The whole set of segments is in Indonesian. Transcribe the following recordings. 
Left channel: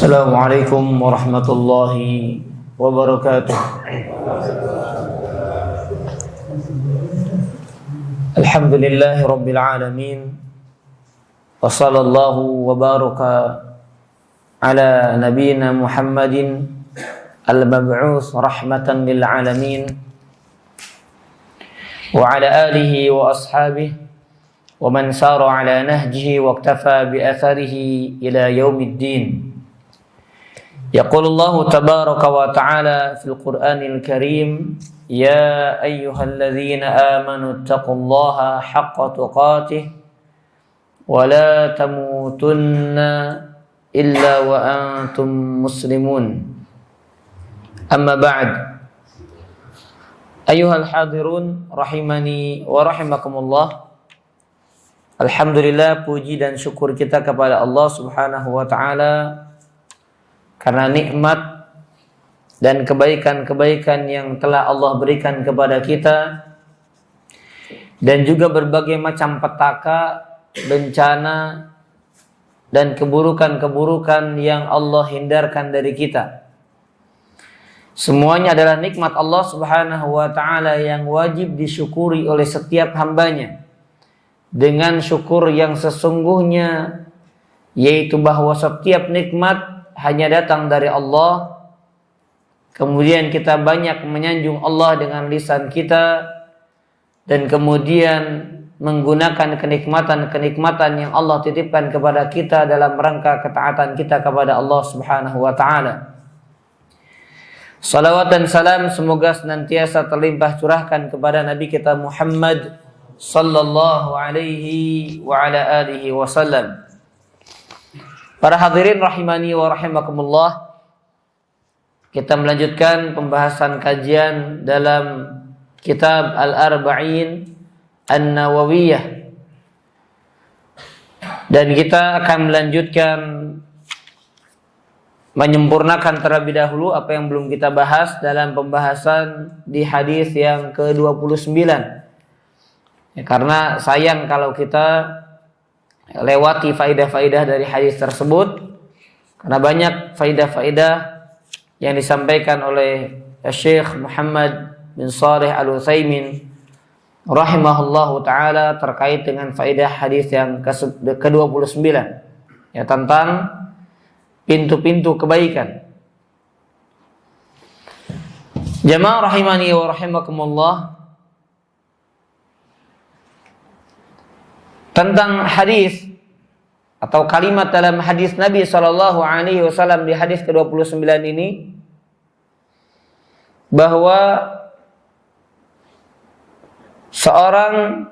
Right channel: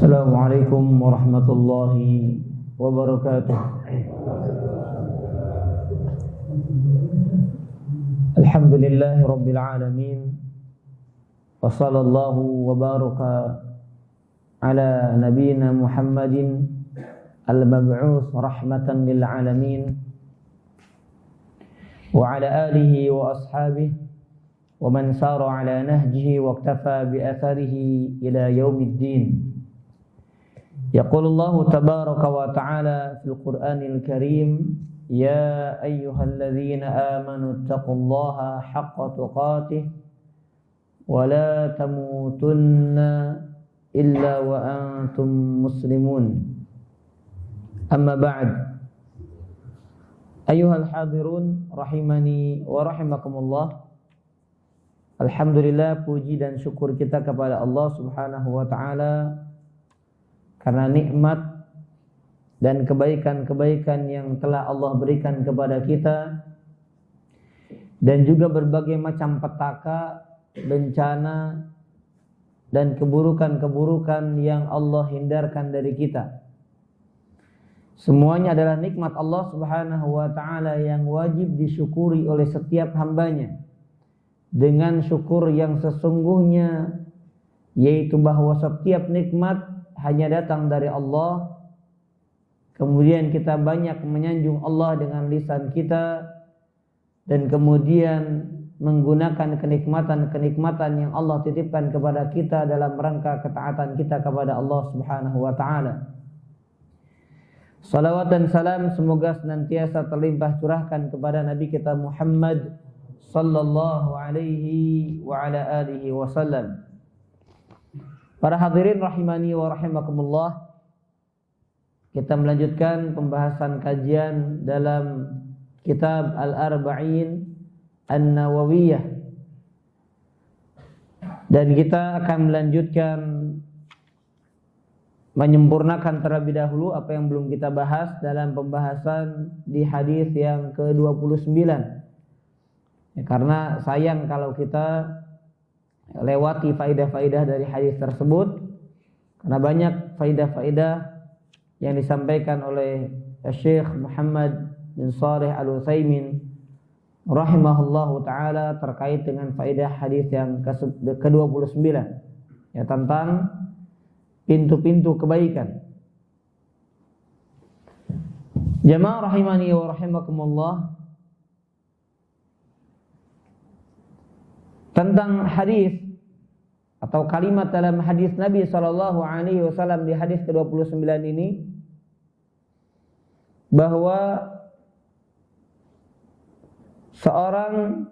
Assalamualaikum warahmatullahi wabarakatuh. Alhamdulillahi rabbil alamin. Wa sallallahu wa baraka ala nabiyyina Muhammadin al-mab'uts rahmatan lil alamin wa ala alihi wa ashabihi wa man sara ala nahjihi wa iktafa bi atharihi ila yaumiddin. يقول الله تبارك وتعالى في القرآن الكريم يا أيها الذين آمنوا اتقوا الله حق تقاته ولا تموتن إلا وأنتم مسلمون أما بعد أيها الحاضرون rahimani wa rahimakumullah. Alhamdulillah, puji dan syukur kita kepada Allah Subhanahu wa taala karena nikmat dan kebaikan-kebaikan yang telah Allah berikan kepada kita, dan juga berbagai macam petaka, bencana, dan keburukan-keburukan yang Allah hindarkan dari kita. Semuanya adalah nikmat Allah Subhanahu wa ta'ala yang wajib disyukuri oleh setiap hambanya dengan syukur yang sesungguhnya, yaitu bahwa setiap nikmat hanya datang dari Allah. Kemudian kita banyak menyanjung Allah dengan lisan kita, dan kemudian menggunakan kenikmatan-kenikmatan yang Allah titipkan kepada kita dalam rangka ketaatan kita kepada Allah Subhanahu wa taala. Salawat dan salam semoga senantiasa terlimpah curahkan kepada Nabi kita Muhammad sallallahu alaihi wa ala alihi wasallam. Para hadirin rahimani wa rahimakumullah, kita melanjutkan pembahasan kajian dalam kitab Al-Arba'in An-Nawawiyah, dan kita akan melanjutkan menyempurnakan terlebih dahulu apa yang belum kita bahas dalam pembahasan di hadis yang ke-29 ya, karena sayang kalau kita lewati faidah-faidah dari hadis tersebut, karena banyak faidah-faidah yang disampaikan oleh Syekh Muhammad bin Shalih Al-Utsaimin rahimahullahu taala terkait dengan faidah hadis yang ke-29 ya, tentang pintu-pintu kebaikan. Jamaah rahimani wa rahimakumullah, tentang hadis atau kalimat dalam hadis Nabi sallallahu alaihi wasallam di hadis ke-29 ini, bahwa seorang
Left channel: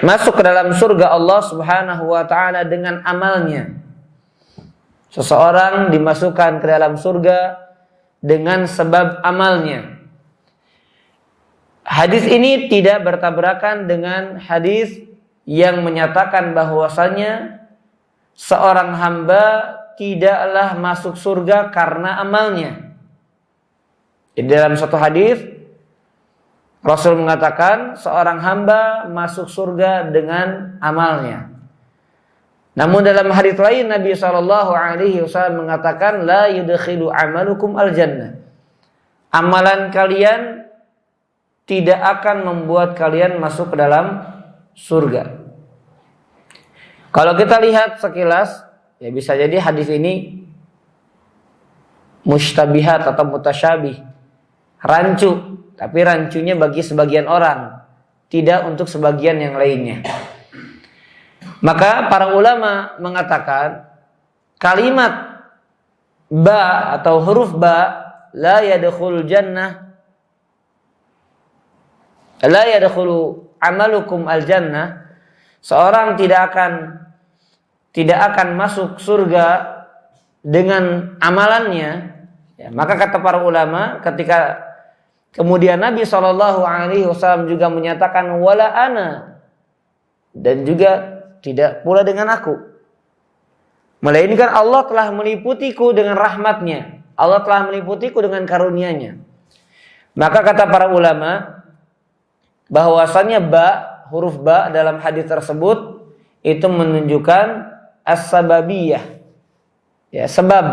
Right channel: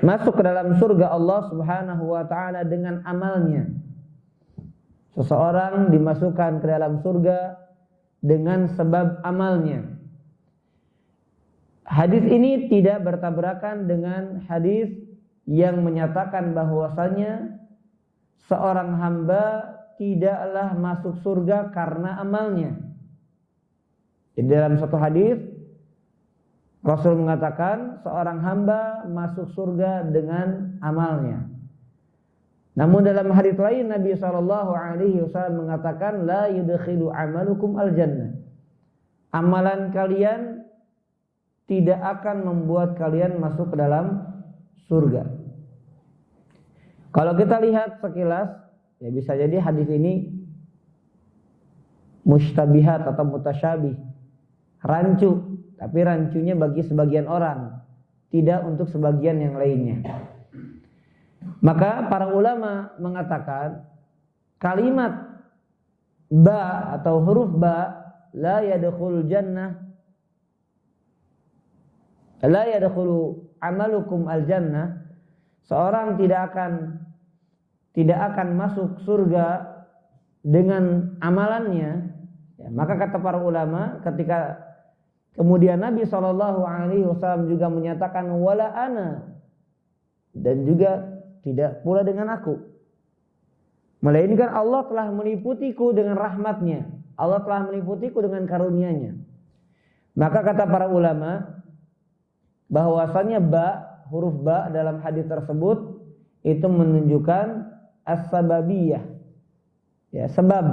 masuk ke dalam surga Allah Subhanahu wa taala dengan amalnya. Seseorang dimasukkan ke dalam surga dengan sebab amalnya. Hadis ini tidak bertabrakan dengan hadis yang menyatakan bahwasanya seorang hamba tidaklah masuk surga karena amalnya. Di dalam satu hadis Rasul mengatakan seorang hamba masuk surga dengan amalnya. Namun dalam hadis lain Nabi SAW mengatakan la yudkhilu amalukum al-jannah. Amalan kalian tidak akan membuat kalian masuk ke dalam surga. Kalau kita lihat sekilas, ya bisa jadi hadis ini mustabihat atau mutasyabih, rancu, tapi rancunya bagi sebagian orang, tidak untuk sebagian yang lainnya. Maka para ulama mengatakan kalimat ba atau huruf ba, la yadkhulul jannah, la yadkhulu amalukum al-jannah, seorang tidak akan masuk surga dengan amalannya ya, maka kata para ulama, ketika kemudian Nabi SAW juga menyatakan wala ana, dan juga tidak pula dengan aku, melainkan Allah telah meliputiku dengan rahmatnya, Allah telah meliputiku dengan karunia-Nya. Maka kata para ulama bahwasannya ba, huruf ba dalam hadis tersebut itu menunjukkan as-sababiyah, Ya, sebab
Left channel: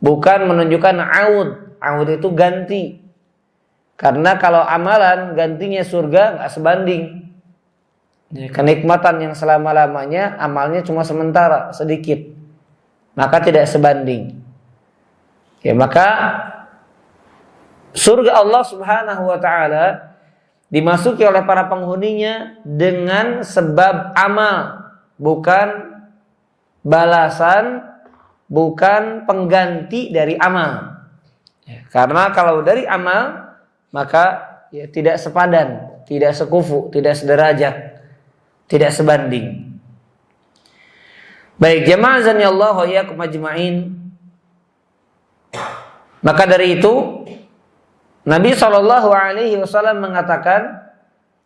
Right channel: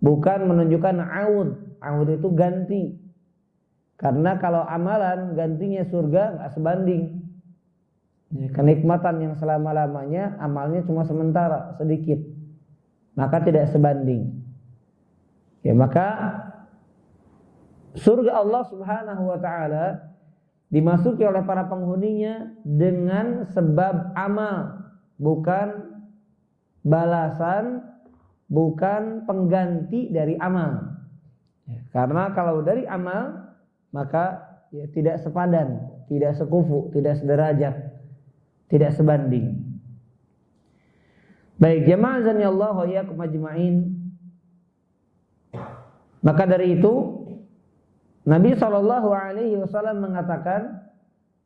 bukan menunjukkan aud. Aud itu ganti. Karena kalau amalan gantinya surga nggak sebanding. Ya, kenikmatan yang selama-lamanya amalnya cuma sementara, sedikit. Maka tidak sebanding. Ya, maka surga Allah Subhanahu wa taala dimasuki oleh para penghuninya dengan sebab amal, bukan balasan, bukan pengganti dari amal. Ya, karena kalau dari amal maka ya tidak sepadan, tidak sekufu, tidak sederajat, tidak sebanding. Baik, jamaah azanillahu wa iyyakum ajma'in. Maka dari itu Nabi SAW mengatakan,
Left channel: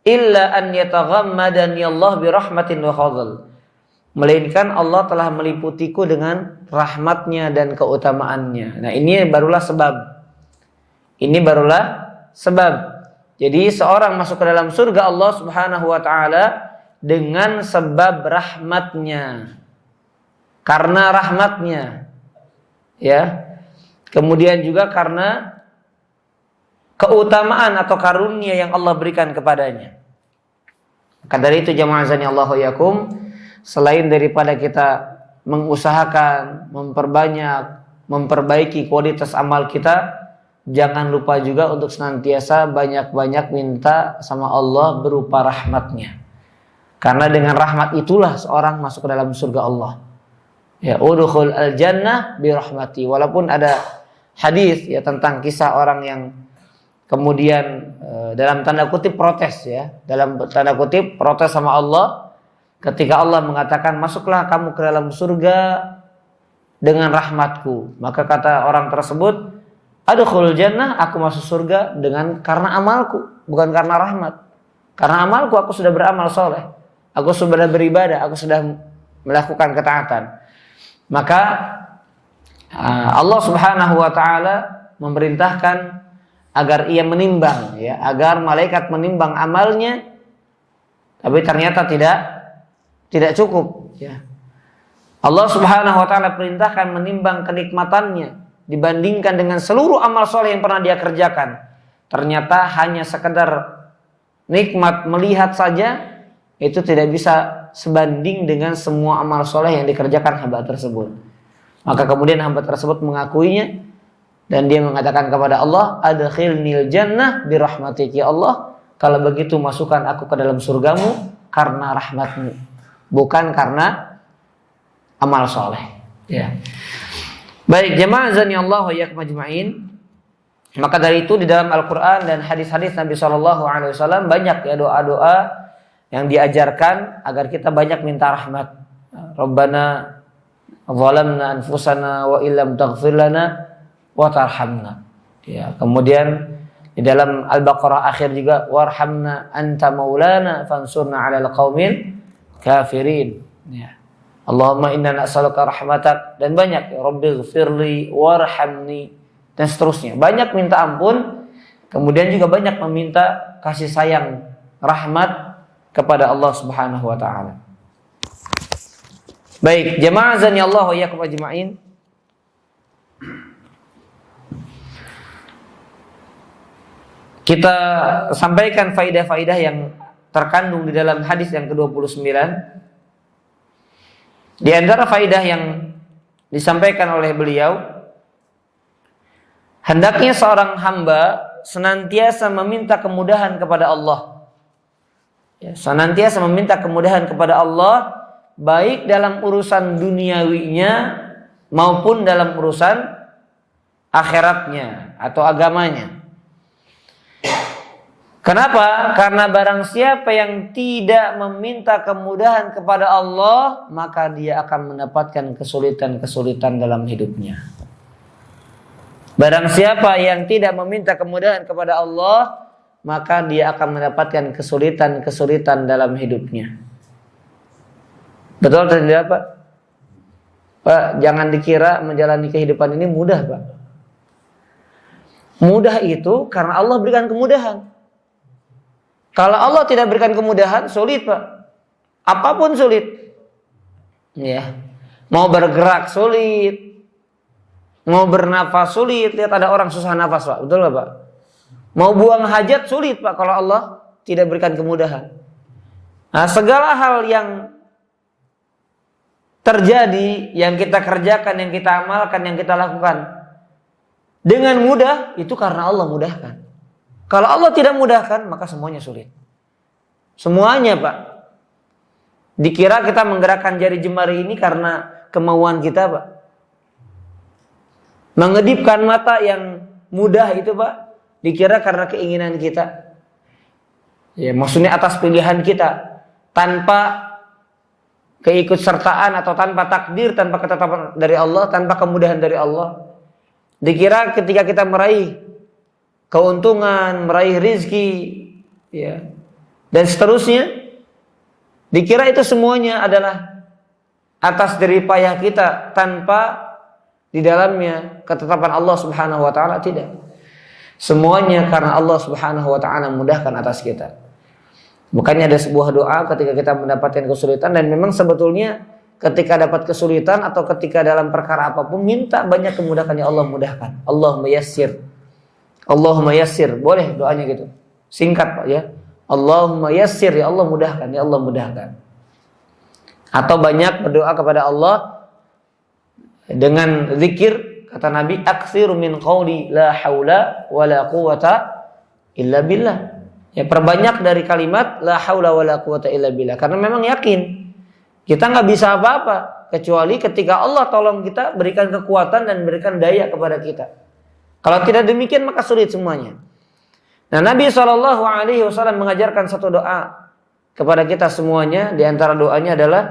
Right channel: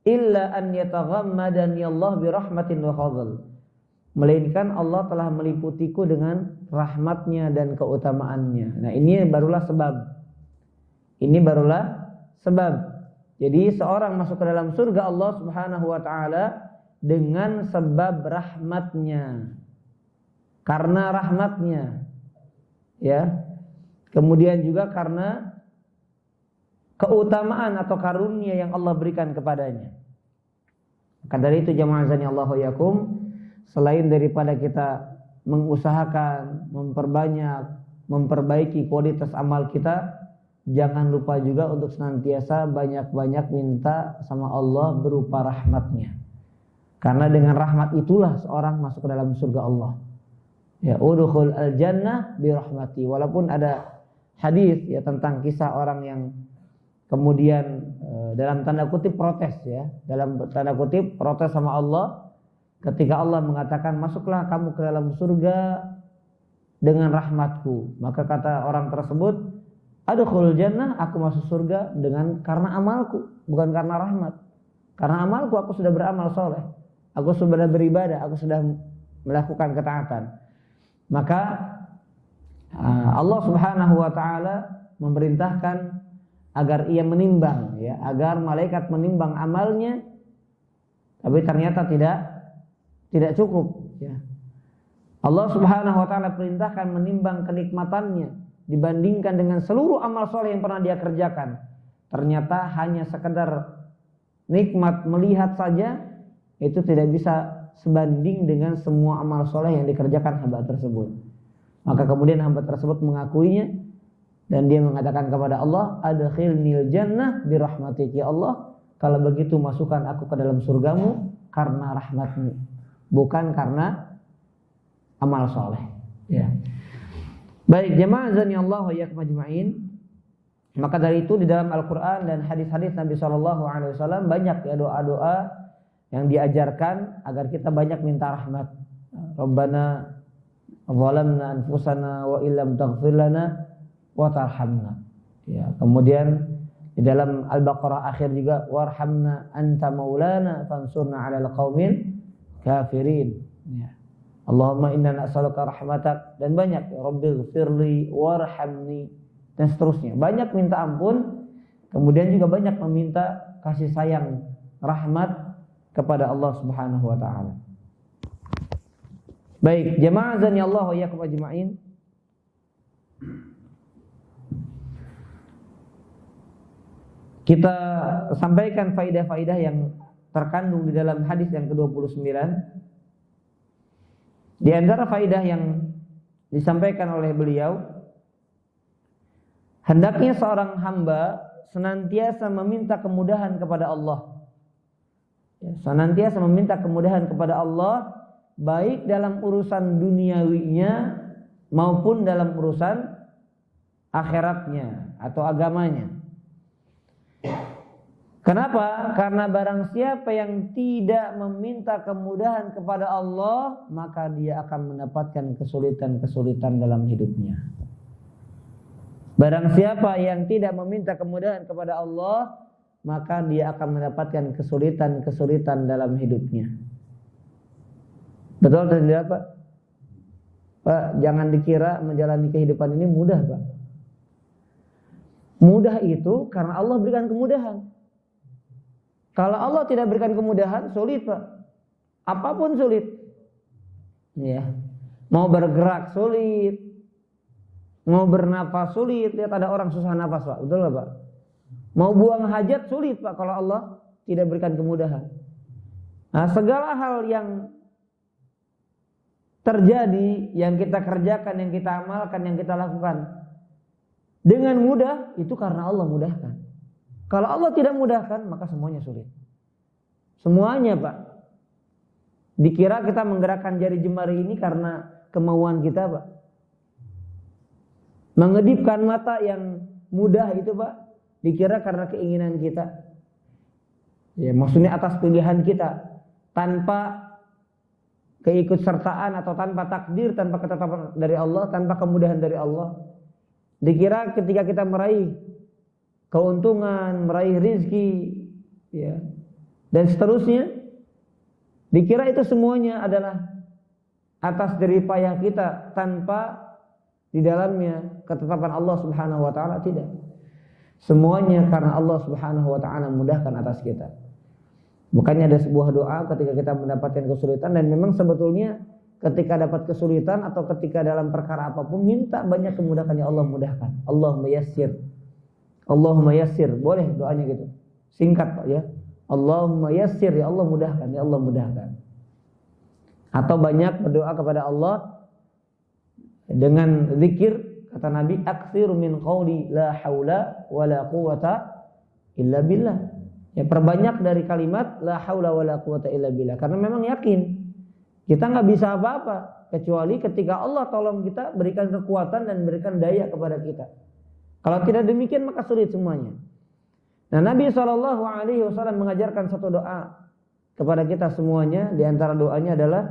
illa an yataghammadani Allah bi rahmatin wa fadl. Melainkan Allah telah meliputiku dengan rahmatnya dan keutamaannya. Nah, ini barulah sebab. Ini barulah sebab. Jadi seorang masuk ke dalam surga Allah Subhanahu wa taala dengan sebab rahmatnya. Karena rahmatnya. Ya. Kemudian juga karena keutamaan atau karunia yang Allah berikan kepadanya. Maka dari itu jamaah azanillahu yakum, selain daripada kita mengusahakan, memperbanyak, memperbaiki kualitas amal kita, jangan lupa juga untuk senantiasa banyak-banyak minta sama Allah berupa rahmatnya. Karena dengan rahmat itulah seorang masuk ke dalam surga Allah. Ya, udkhul al-jannah bi rahmati. Walaupun ada hadis ya tentang kisah orang yang kemudian dalam tanda kutip protes ya, dalam tanda kutip protes sama Allah ketika Allah mengatakan masuklah kamu ke dalam surga dengan rahmatku. Maka kata orang tersebut, adkhulul jannah, aku masuk surga dengan karena amalku, bukan karena rahmat. Karena amalku aku sudah beramal soleh, aku sudah beribadah, aku sudah melakukan ketaatan. Maka Allah Subhanahu wa taala memerintahkan agar ia menimbang ya, agar malaikat menimbang amalnya, tapi ternyata tidak cukup ya. Allah Subhanahu wa taala perintahkan menimbang kenikmatannya dibandingkan dengan seluruh amal soleh yang pernah dia kerjakan. Ternyata hanya sekedar nikmat melihat saja itu tidak bisa sebanding dengan semua amal soleh yang dikerjakan hamba tersebut. Maka kemudian hamba tersebut mengakuinya dan dia mengatakan kepada Allah, adkhilnil jannah birahmatik, ya Allah, kalau begitu masukkan aku ke dalam surgamu karena rahmatmu, bukan karena amal soleh ya. Baik jemaah azanillahu wa iyyakum ajma'in. Maka dari itu di dalam Al-Quran dan hadis-hadis Nabi SAW banyak ya doa-doa yang diajarkan agar kita banyak minta rahmat. Rabbana zalamna anfusana wa illam taghfir lana wa tarhamna. Ya, kemudian di dalam Al-Baqarah akhir juga warhamna anta maulana fansurna 'alal qaumil kafirin. Ya. Allahumma inna nas'aluka rahmatak, dan banyak ya rabbighfirli warhamni dan seterusnya. Banyak minta ampun, kemudian juga banyak meminta kasih sayang, rahmat kepada Allah Subhanahu wa taala. Baik, jemaah azanillahu wa iyyakum ajma'in. Kita sampaikan faidah-faidah yang terkandung di dalam hadis yang ke-29. Di antara faidah yang disampaikan oleh beliau, hendaknya seorang hamba senantiasa meminta kemudahan kepada Allah. Ya, senantiasa meminta kemudahan kepada Allah, baik dalam urusan duniawinya maupun dalam urusan akhiratnya atau agamanya. Kenapa? Karena barang siapa yang tidak meminta kemudahan kepada Allah, maka dia akan mendapatkan kesulitan-kesulitan dalam hidupnya. Barang siapa yang tidak meminta kemudahan kepada Allah, maka dia akan mendapatkan kesulitan-kesulitan dalam hidupnya. Betul atau tidak, Pak? Pak, jangan dikira menjalani kehidupan ini mudah, Pak. Mudah itu karena Allah berikan kemudahan. Kalau Allah tidak berikan kemudahan, sulit, Pak. Apapun sulit. Ya. Mau bergerak sulit, mau bernafas sulit. Lihat ada orang susah nafas Pak, betul nggak Pak? Mau buang hajat sulit Pak kalau Allah tidak berikan kemudahan. Nah, segala hal yang terjadi, yang kita kerjakan, yang kita amalkan, yang kita lakukan dengan mudah, itu karena Allah mudahkan. Kalau Allah tidak mudahkan, maka semuanya sulit. Semuanya Pak. Dikira kita menggerakkan jari jemari ini karena kemauan kita Pak. Mengedipkan mata yang mudah itu Pak, dikira karena keinginan kita. Ya, maksudnya atas pilihan kita, tanpa keikutsertaan atau tanpa takdir, tanpa ketetapan dari Allah, tanpa kemudahan dari Allah. Dikira ketika kita meraih keuntungan, meraih rizki, ya, dan seterusnya, dikira itu semuanya adalah atas jerih payah kita tanpa di dalamnya ketetapan Allah Subhanahu wa taala. Tidak. Semuanya karena Allah Subhanahu wa taala mudahkan atas kita. Bukannya ada sebuah doa ketika kita mendapatkan kesulitan, dan memang sebetulnya ketika dapat kesulitan atau ketika dalam perkara apapun, minta banyak kemudahan ya Allah mudahkan. Allahumma yassir. Allahumma yassir. Boleh doanya gitu. Singkat Pak ya. Allahumma yassir, ya Allah mudahkan, ya Allah mudahkan. Atau banyak berdoa kepada Allah dengan zikir, kata Nabi, aktsiru min qauli la haula wala quwata illa billah. Ya, perbanyak dari kalimat la haula wala quwata illa billah, karena memang yakin kita nggak bisa apa-apa kecuali ketika Allah tolong kita, berikan kekuatan dan berikan daya kepada kita. Kalau tidak demikian maka sulit semuanya. Nah, Nabi SAW mengajarkan satu doa kepada kita semuanya. Di antara doanya adalah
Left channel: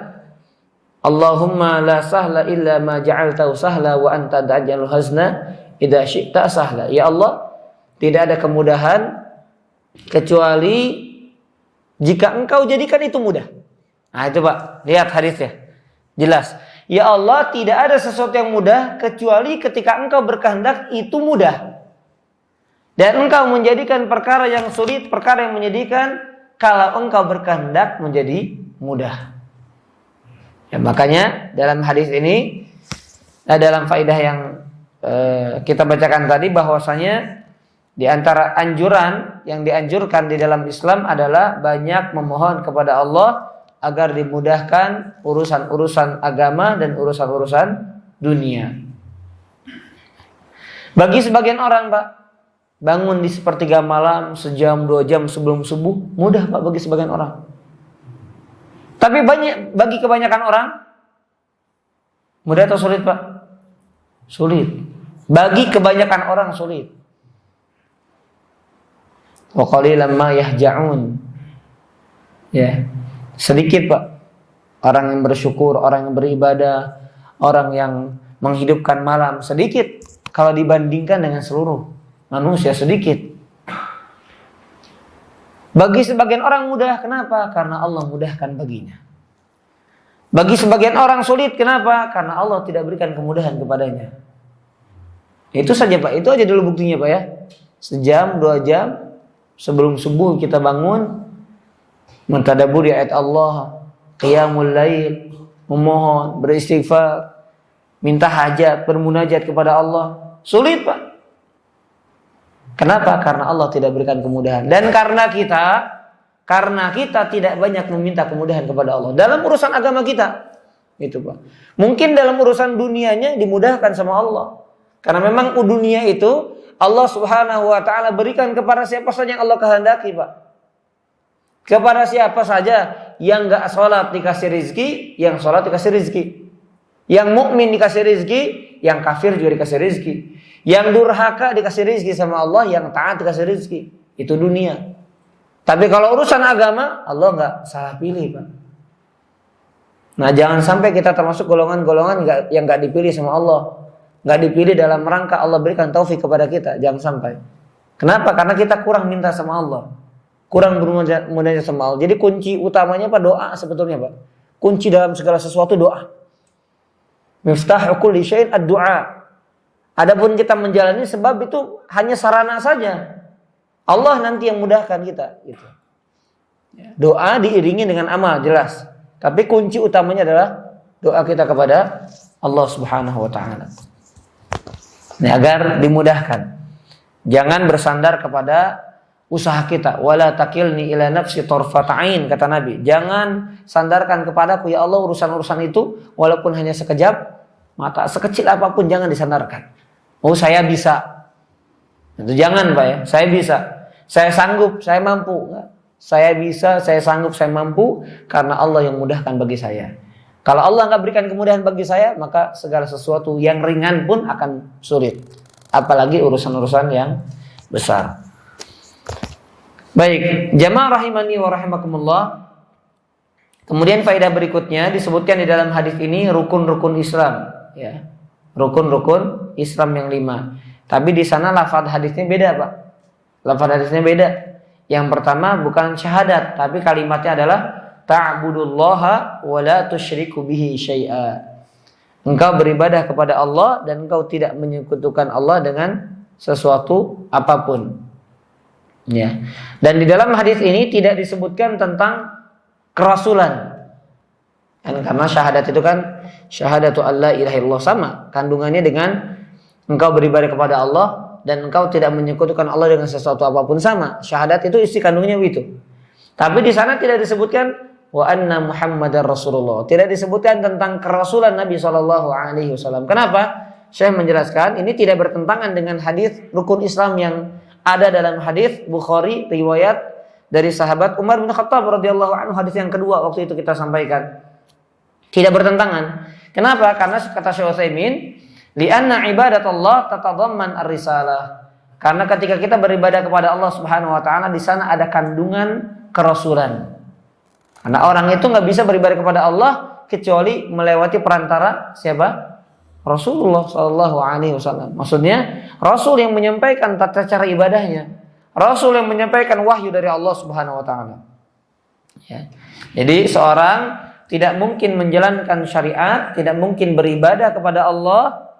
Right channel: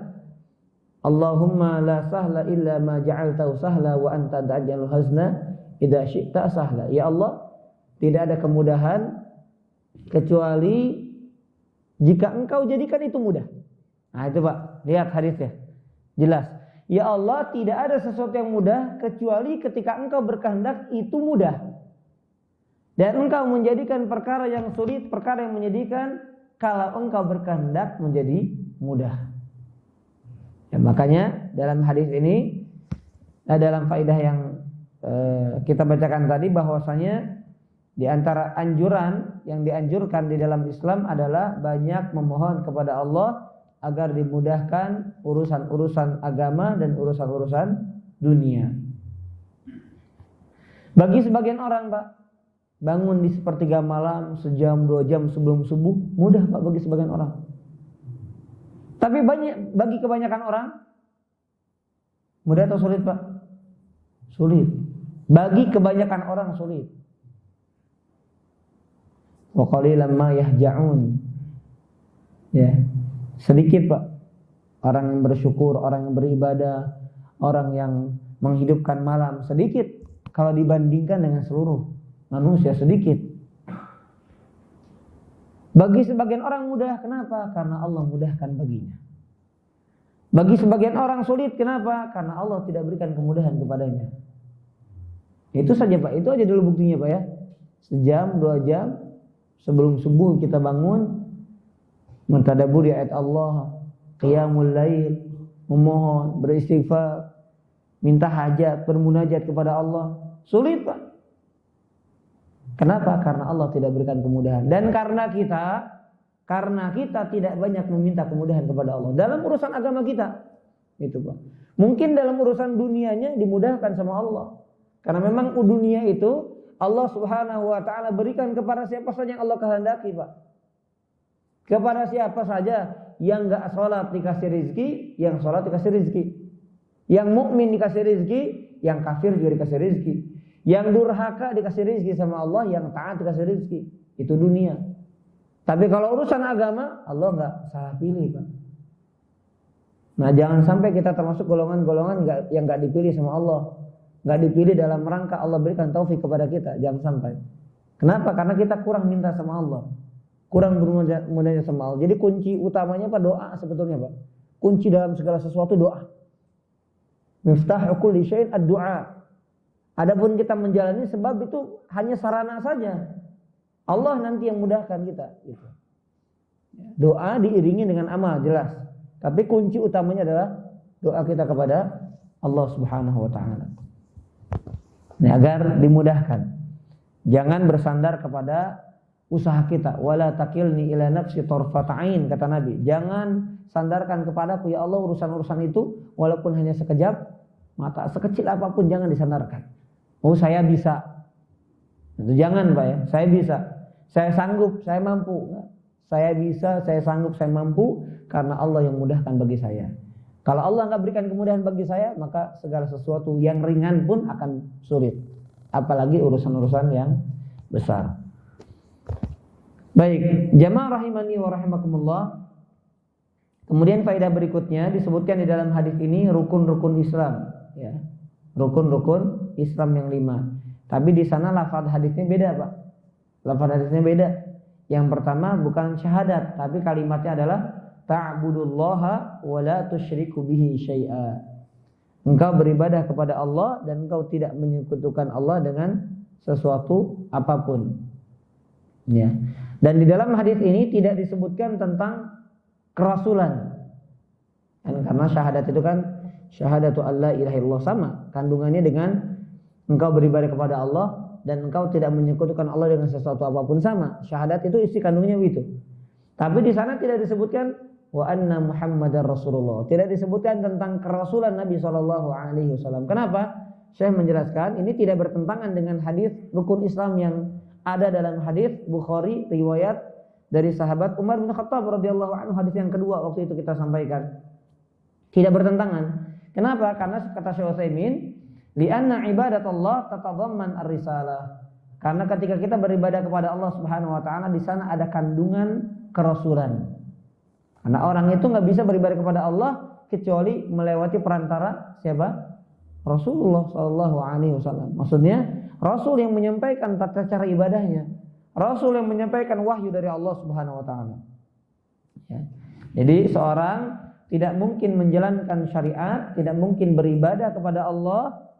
Allahumma la sahla illa ma ja'altahu sahla wa anta taj'alul hazna idza syi'ta sahla. Ya Allah, tidak ada kemudahan kecuali jika Engkau jadikan itu mudah. Nah itu Pak, lihat hadisnya. Jelas. Ya Allah, tidak ada sesuatu yang mudah kecuali ketika Engkau berkehendak itu mudah. Dan Engkau menjadikan perkara yang sulit, perkara yang menyedihkan, kalau Engkau berkehendak menjadi mudah. Ya, makanya dalam hadis ini, dalam faedah yang kita bacakan tadi, bahwasanya di antara anjuran yang dianjurkan di dalam Islam adalah banyak memohon kepada Allah agar dimudahkan urusan-urusan agama dan urusan-urusan dunia. Bagi sebagian orang Pak, bangun di sepertiga malam, sejam, 2 jam sebelum subuh, mudah Pak bagi sebagian orang. Tapi bagi kebanyakan orang, mudah atau sulit Pak? Sulit. Bagi kebanyakan orang sulit. Wa qalilan ma yahja'un. Ya, sedikit Pak orang yang bersyukur, orang yang beribadah, orang yang menghidupkan malam, sedikit kalau dibandingkan dengan seluruh manusia, sedikit. Bagi sebagian orang mudah, kenapa? Karena Allah mudahkan baginya. Bagi sebagian orang sulit, kenapa? Karena Allah tidak berikan kemudahan kepadanya. Itu saja Pak, itu aja dulu buktinya Pak ya. Sejam, 2 jam sebelum subuh kita bangun, mentadabburi ayat Allah, qiyamul lail, memohon, beristighfar, minta hajat, bermunajat kepada Allah. Sulit Pak. Kenapa? Karena Allah tidak berikan kemudahan. Dan karena kita tidak banyak meminta kemudahan kepada Allah dalam urusan agama kita. Itu Pak. Mungkin dalam urusan dunianya dimudahkan sama Allah. Karena memang dunia itu Allah Subhanahu wa taala berikan kepada siapa saja yang Allah kehendaki, Pak. Kepada siapa saja yang enggak salat dikasih rizki, yang salat dikasih rizki. Yang mukmin dikasih rizki, yang kafir juga dikasih rizki. Yang durhaka dikasih rizki sama Allah, yang taat dikasih rizki. Itu dunia. Tapi kalau urusan agama, Allah enggak salah pilih, Pak. Nah, jangan sampai kita termasuk golongan-golongan yang enggak dipilih sama Allah. Enggak dipilih dalam rangka Allah berikan taufik kepada kita. Jangan sampai. Kenapa? Karena kita kurang minta sama Allah. Kurang bermunajat sama Allah. Jadi kunci utamanya Pak doa sebetulnya, Pak. Kunci dalam segala sesuatu doa. Miftahu kulli syai'in ad-du'a. Adapun kita menjalani sebab itu hanya sarana saja. Allah nanti yang mudahkan kita gitu. Doa diiringi dengan amal jelas. Tapi kunci utamanya adalah doa kita kepada Allah Subhanahu wa taala. Ini agar dimudahkan. Jangan bersandar kepada usaha kita. Wala takilni ila nafsi tarfat ain, kata Nabi. Jangan sandarkan kepadaku ya Allah urusan-urusan itu walaupun hanya sekejap mata, sekecil apapun jangan disandarkan. Oh saya bisa. Itu jangan Pak ya. Saya bisa. Saya sanggup, saya mampu. Saya bisa, saya sanggup, saya mampu karena Allah yang mudahkan bagi saya. Kalau Allah nggak berikan kemudahan bagi saya, maka segala sesuatu yang ringan pun akan sulit. Apalagi urusan-urusan yang besar. Baik, jamaah rahimani wa rahimakumullah. Kemudian faedah berikutnya disebutkan di dalam hadis ini rukun-rukun Islam, ya. Rukun-rukun Islam yang 5. Tapi di sana lafaz hadisnya beda, Pak. Lafaz hadisnya beda. Yang pertama bukan syahadat, tapi kalimatnya adalah ta'budullaha wa la tusyriku bihi syai'a. Engkau beribadah kepada Allah dan engkau tidak menyekutukan Allah dengan sesuatu apapun. Ya. Dan di dalam hadis ini tidak disebutkan tentang kerasulan. Dan karena syahadat itu kan syahadatu alla ilaha illallah, sama kandungannya dengan engkau beribadah kepada Allah dan engkau tidak menyekutukan Allah dengan sesuatu apapun, sama. Syahadat itu isi kandungnya itu. Tapi di sana tidak disebutkan wa anna Muhammadar Rasulullah. Tidak disebutkan tentang kerasulan Nabi SAW. Kenapa? Syekh menjelaskan ini tidak bertentangan dengan hadis rukun Islam yang ada dalam hadis Bukhari riwayat dari sahabat Umar bin Khattab radhiyallahu anhu, hadis yang kedua waktu itu kita sampaikan. Tidak bertentangan. Kenapa? Karena kata Syekh Utsaimin, li'anna ibadatullah tatadamman ar-risalah. Karena ketika kita beribadah kepada Allah Subhanahu wa taala, di sana ada kandungan kerasulan. Karena orang itu nggak bisa beribadah kepada Allah kecuali melewati perantara siapa? Rasulullah Shallallahu Alaihi Wasallam. Maksudnya Rasul yang menyampaikan tata cara ibadahnya, Rasul yang menyampaikan wahyu dari Allah Subhanahu Wa Taala. Ya. Jadi seorang tidak mungkin menjalankan syariat, tidak mungkin beribadah kepada Allah,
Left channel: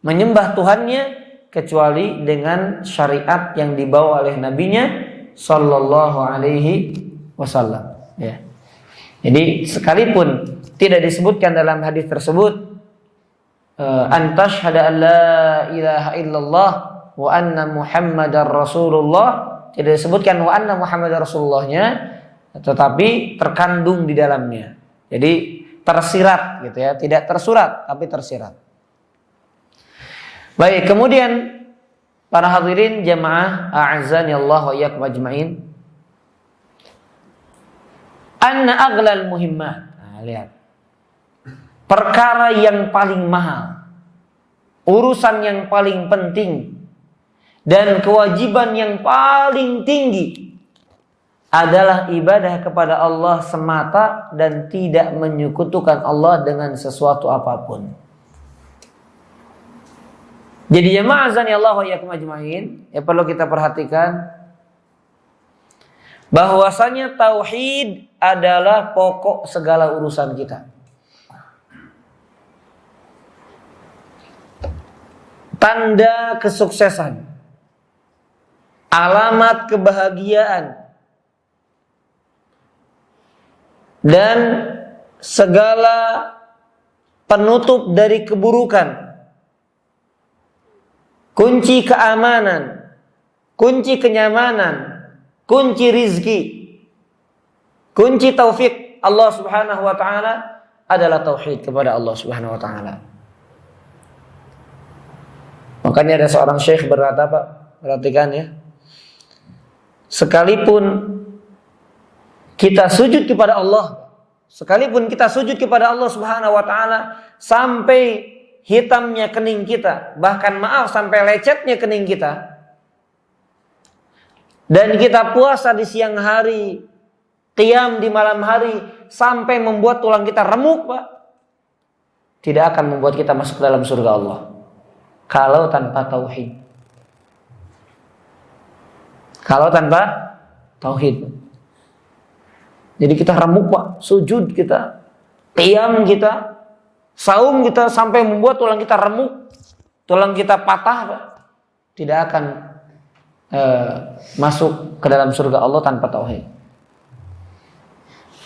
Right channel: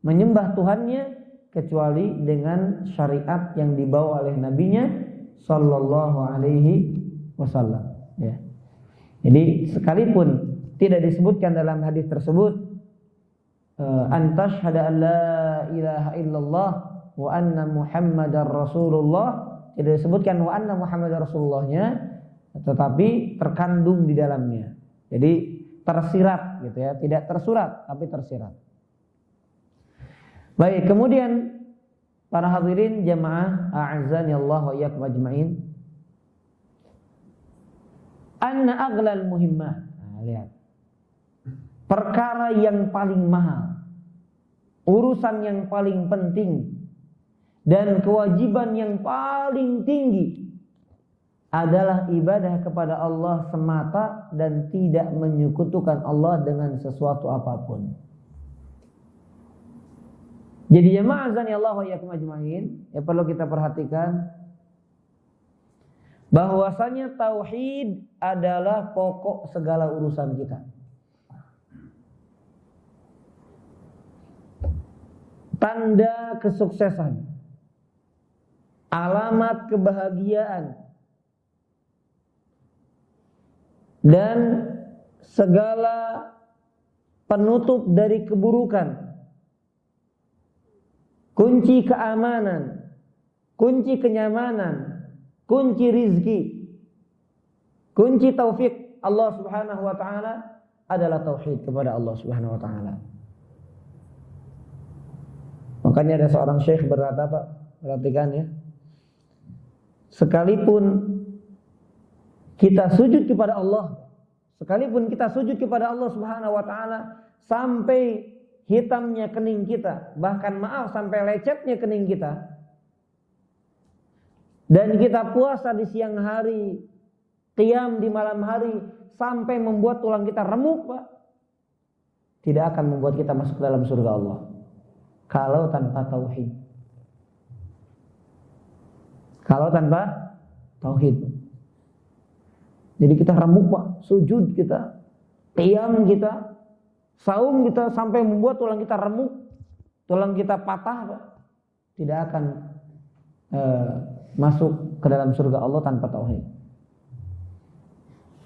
menyembah Tuhannya kecuali dengan syariat yang dibawa oleh Nabi-Nya Shallallahu Alaihi Wasallam. Ya. Jadi sekalipun tidak disebutkan dalam hadis tersebut antashhada an la ilaha illallah wa anna Muhammadar Rasulullah, tidak disebutkan wa anna Muhammadar Rasulullahnya, tetapi terkandung di dalamnya. Jadi tersirat gitu ya, tidak tersurat tapi tersirat. Baik, kemudian para hadirin jamaah a'azzani Allah wa iyyakum ajmain. Anna aghlal muhimmah. Nah, lihat. Perkara yang paling mahal, urusan yang paling penting, dan kewajiban yang paling tinggi adalah ibadah kepada Allah semata dan tidak menyekutukan Allah dengan sesuatu apapun. Jadi jamaah azani Allah wa iyyakum ajmain, ya perlu kita perhatikan bahwasanya tauhid adalah pokok segala urusan kita. Tanda kesuksesan, alamat kebahagiaan, dan segala penutup dari keburukan, kunci keamanan, kunci kenyamanan, kunci rizki, kunci taufik Allah Subhanahu wa taala adalah tauhid kepada Allah Subhanahu wa taala. Makanya ada seorang syekh berkata, Pak, perhatikan ya. Sekalipun kita sujud kepada Allah, sekalipun kita sujud kepada Allah Subhanahu wa taala sampai hitamnya kening kita, bahkan maaf sampai lecetnya kening kita, dan kita puasa di siang hari, qiyam di malam hari sampai membuat tulang kita remuk, Pak, tidak akan membuat kita masuk ke dalam surga Allah kalau tanpa tauhid. Kalau tanpa tauhid. Jadi kita remuk, Pak, sujud kita, qiyam kita, saum kita sampai membuat tulang kita remuk, tulang kita patah, Pak, tidak akan masuk ke dalam surga Allah tanpa tauhid.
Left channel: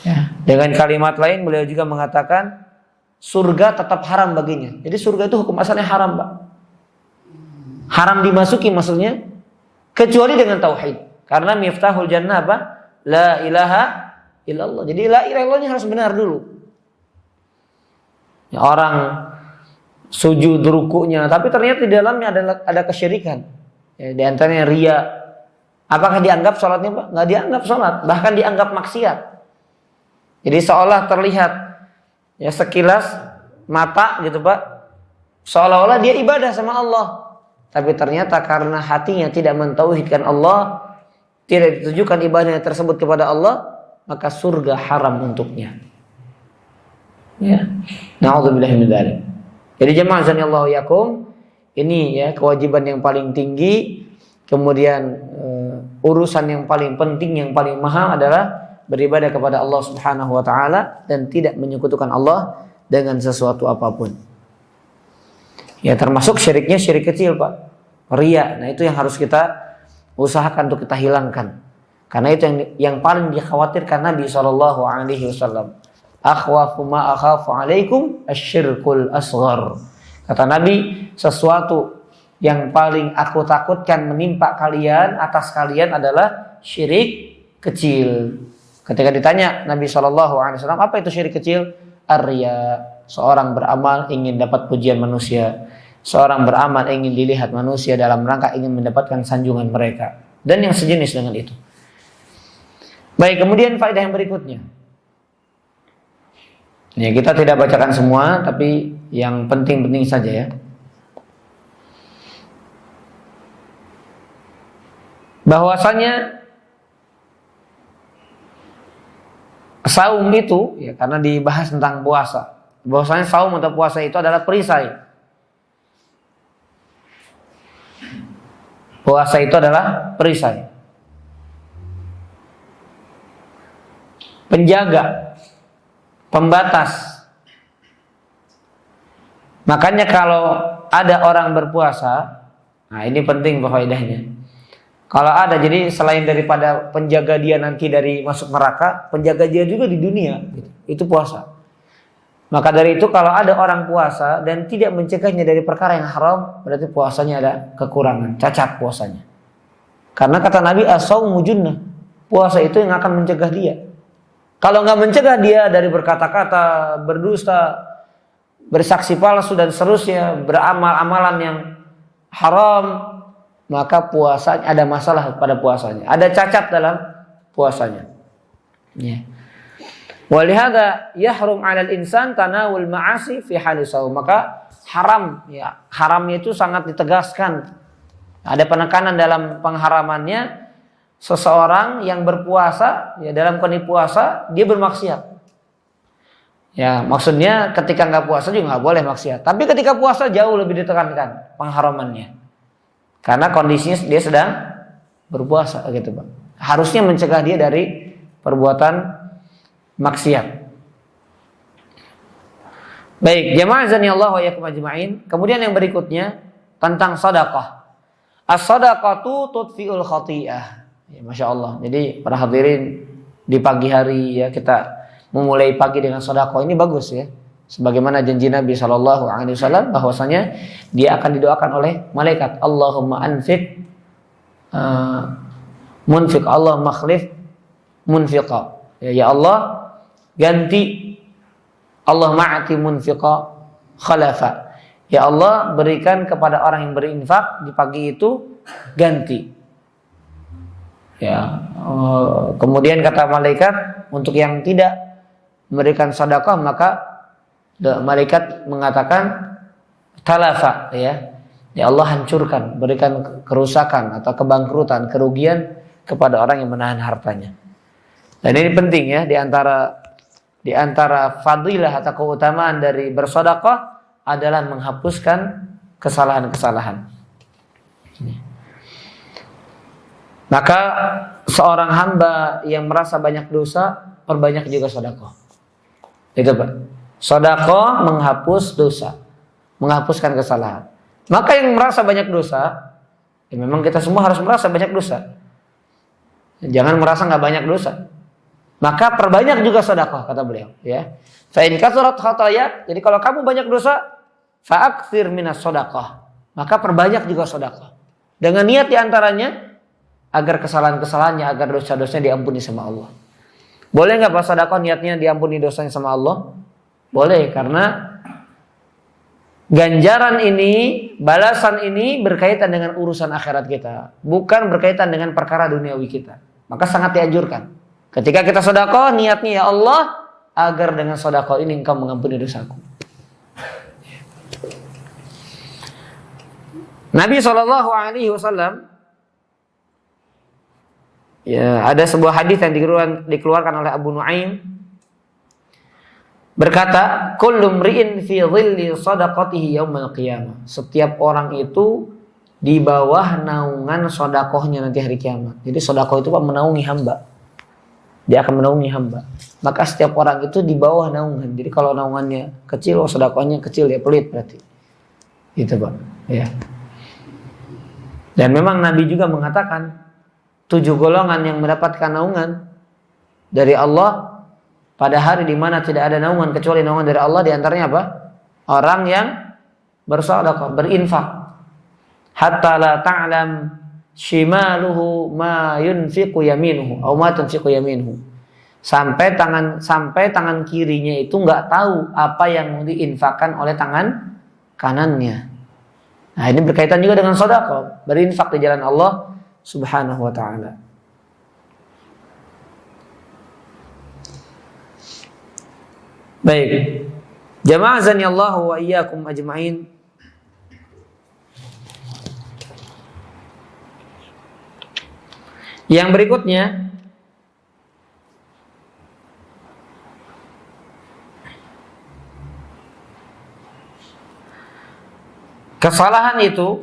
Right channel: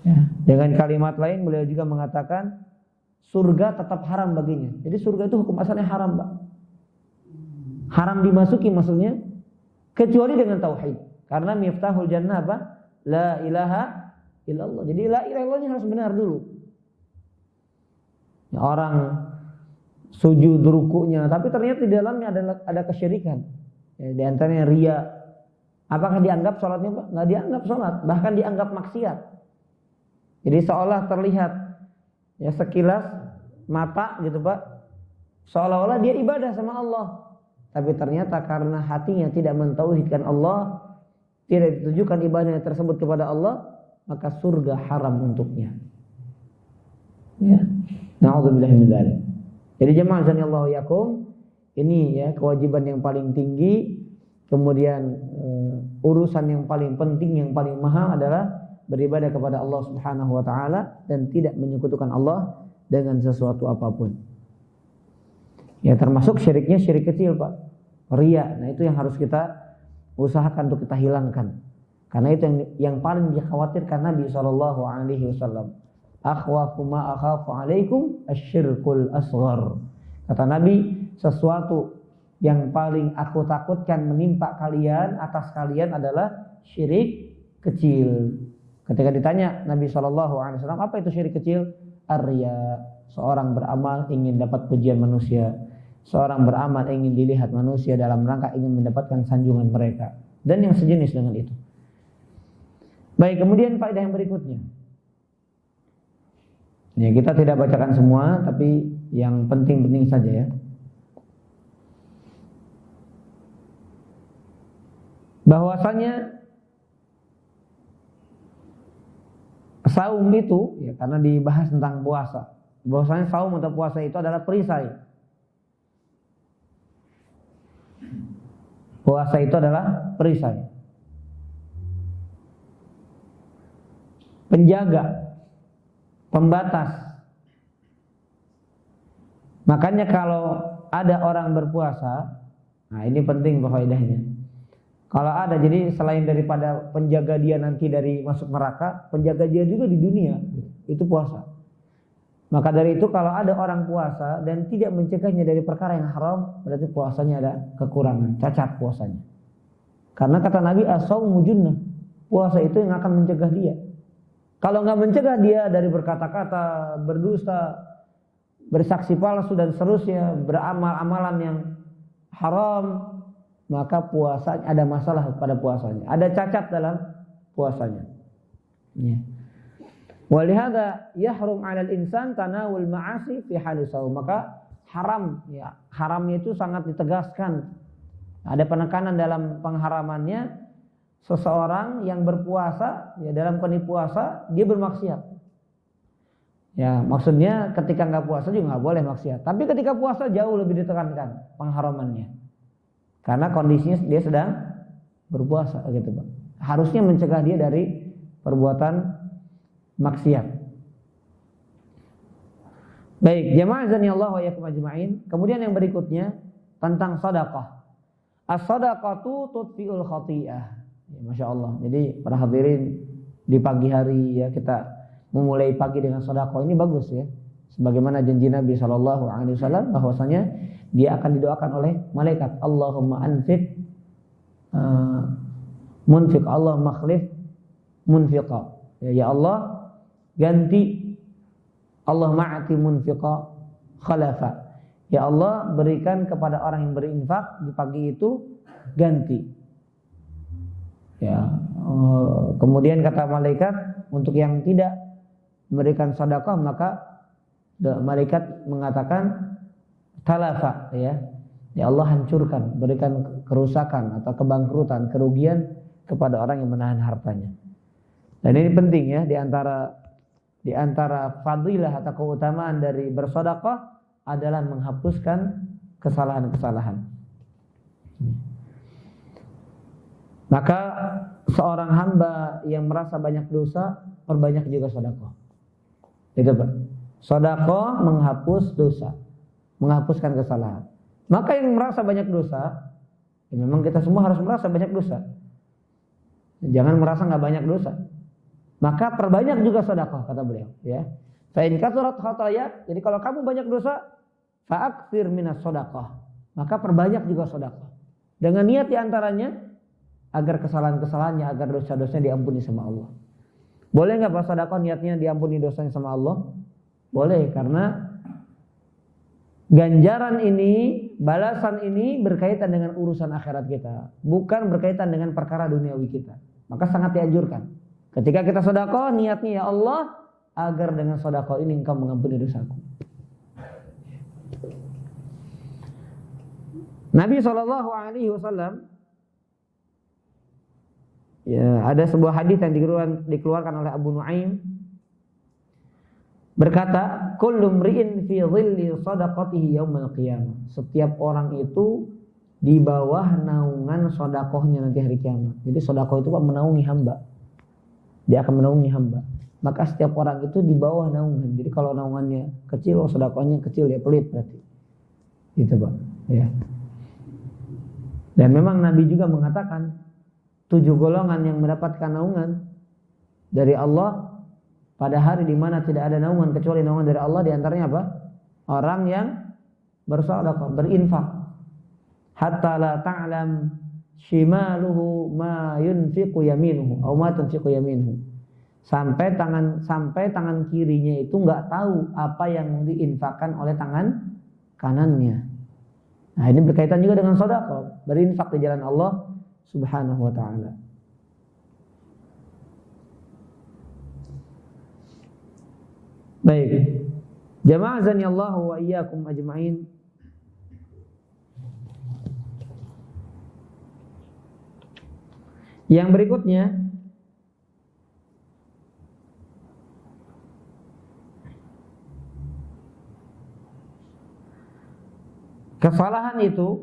Ya. Dengan kalimat lain beliau juga mengatakan surga tetap haram baginya. Jadi surga itu hukum asalnya haram, Pak. Haram dimasuki maksudnya kecuali dengan tauhid. Karena miftahul jannah apa? La ilaha illallah. Jadi la ilaha illallahnya harus benar dulu. Ya, orang sujud rukuknya tapi ternyata di dalamnya ada kesyirikan. Ya, di antaranya riya. Apakah dianggap sholatnya, Pak? Nggak dianggap sholat, bahkan dianggap maksiat. Jadi seolah terlihat ya sekilas mata gitu, Pak, seolah-olah dia ibadah sama Allah, tapi ternyata karena hatinya tidak mentauhidkan Allah, tidak ditujukan ibadahnya tersebut kepada Allah, maka surga haram untuknya. Ya, na'udzubillahi min dzalik. Jadi jemaah azanillahu yakum, ini ya kewajiban yang paling tinggi. Kemudian urusan yang paling penting, yang paling mahal adalah beribadah kepada Allah Subhanahu wa taala dan tidak menyekutukan Allah dengan sesuatu apapun. Ya, termasuk syiriknya syirik kecil, Pak. Riya. Nah, itu yang harus kita usahakan untuk kita hilangkan. Karena itu yang paling dikhawatirkan Nabi sallallahu alaihi wasallam. Akhwafu ma akhafu alaikum asyirkul asghar. Kata Nabi, sesuatu yang paling aku takutkan menimpa kalian, atas kalian adalah syirik kecil. Ketika ditanya Nabi SAW, apa itu syirik kecil? Ar-riya. Seorang beramal ingin dapat pujian manusia. Seorang beramal ingin dilihat manusia dalam rangka ingin mendapatkan sanjungan mereka. Dan yang sejenis dengan itu. Baik, kemudian faedah yang berikutnya. Ya, kita tidak bacakan semua, tapi yang penting-penting saja ya. Bahwasanya saum itu ya, karena dibahas tentang puasa, bahwasanya saum atau puasa itu adalah perisai. Puasa itu adalah perisai, penjaga, pembatas. Makanya kalau ada orang berpuasa, nah ini penting faedahnya. Kalau ada, jadi selain daripada penjaga dia nanti dari masuk neraka, penjaga dia juga di dunia, itu puasa. Maka dari itu kalau ada orang puasa dan tidak mencegahnya dari perkara yang haram, berarti puasanya ada kekurangan, cacat puasanya. Karena kata Nabi, as-shaumu junnah, puasa itu yang akan mencegah dia. Kalau nggak mencegah dia dari berkata-kata, berdusta, bersaksi palsu dan seterusnya, beramal amalan yang haram, maka puasanya ada masalah pada puasanya, ada cacat dalam puasanya. Ya. Walihada yahrum 'alal insan tanawul ma'asi fi halis shaum. Maka haram, ya, haramnya itu sangat ditegaskan. Ada penekanan dalam pengharamannya. Seseorang yang berpuasa, ya dalam kondisi puasa dia bermaksiat. Ya, maksudnya ketika nggak puasa juga nggak boleh maksiat. Tapi ketika puasa jauh lebih ditekankan pengharamannya. Karena kondisinya dia sedang berpuasa gitu, Pak. Harusnya mencegah dia dari perbuatan maksiat. Baik, jamaah azanillahu wa iyyakum ajma'in. Kemudian yang berikutnya tentang sedekah. As-shadaqatu tudfi'ul khati'ah. Ya, Masya Allah. Jadi para hadirin di pagi hari ya kita memulai pagi dengan sedekah ini bagus ya. Sebagaimana janji Nabi SAW bahwasanya dia akan didoakan oleh malaikat. Allahumma anfiq munfiq, Allah makhlif munfiqa. Ya Allah ganti, Allah ma'ati munfiqa khalafa. Ya Allah berikan kepada orang yang berinfak di pagi itu ganti. Ya, kemudian kata malaikat untuk yang tidak memberikan sedekah maka malaikat mengatakan talafa, ya Allah hancurkan, berikan kerusakan atau kebangkrutan, kerugian kepada orang yang menahan hartanya. Dan ini penting ya, di antara fadilah atau keutamaan dari bersedekah adalah menghapuskan kesalahan-kesalahan. Maka seorang hamba yang merasa banyak dosa, perbanyak juga sedekah. Itu Pak. Sedekah menghapus dosa, menghapuskan kesalahan. Maka yang merasa banyak dosa, ya memang kita semua harus merasa banyak dosa. Jangan merasa nggak banyak dosa. maka perbanyak juga sedekah, kata beliau, ya. Fa in kathurat khataaya, jadi kalau kamu banyak dosa, fa'aktsir minas sedekah, maka perbanyak juga sedekah. Dengan niat diantaranya agar kesalahan-kesalahannya, agar dosa-dosanya diampuni sama Allah. Boleh nggak Pak sedekah niatnya diampuni dosanya sama Allah? Boleh, karena ganjaran ini, balasan ini berkaitan dengan urusan akhirat kita, bukan berkaitan dengan perkara duniawi kita. Maka sangat dianjurkan. Ketika kita sedekah, niatnya ya Allah, agar dengan sedekah ini Engkau mengampuni dosaku. Nabi SAW, ya, ada sebuah hadis yang dikeluarkan oleh Abu Nuaim, berkata, kullu mri'in fi dhilli shadaqatihi yaumal qiyamah. Setiap orang itu di bawah naungan sedekahnya nanti hari kiamat. Jadi sedekah itu Pak menaungi hamba. Dia akan menaungi hamba. Maka setiap orang itu di bawah naungan. Jadi kalau naungannya kecil, sedekahnya kecil, ya pelit berarti. Gitu Pak. Ya. Dan memang Nabi juga mengatakan 7 golongan yang mendapatkan naungan dari Allah pada hari di mana tidak ada naungan kecuali naungan dari Allah. Di antaranya apa? Orang yang bersedekah, berinfak. Hatta la ta'lam shimaluhu ma yunfiqu yaminuhu atau ma tunfiqu yaminuhu. Sampai tangan kirinya itu enggak tahu apa yang diinfakkan oleh tangan kanannya. Nah, ini berkaitan juga dengan sedekah, berinfak di jalan Allah Subhanahu wa taala. Baik. Jamaah azanillahu wa iyyakum ajma'in. Yang berikutnya, kesalahan itu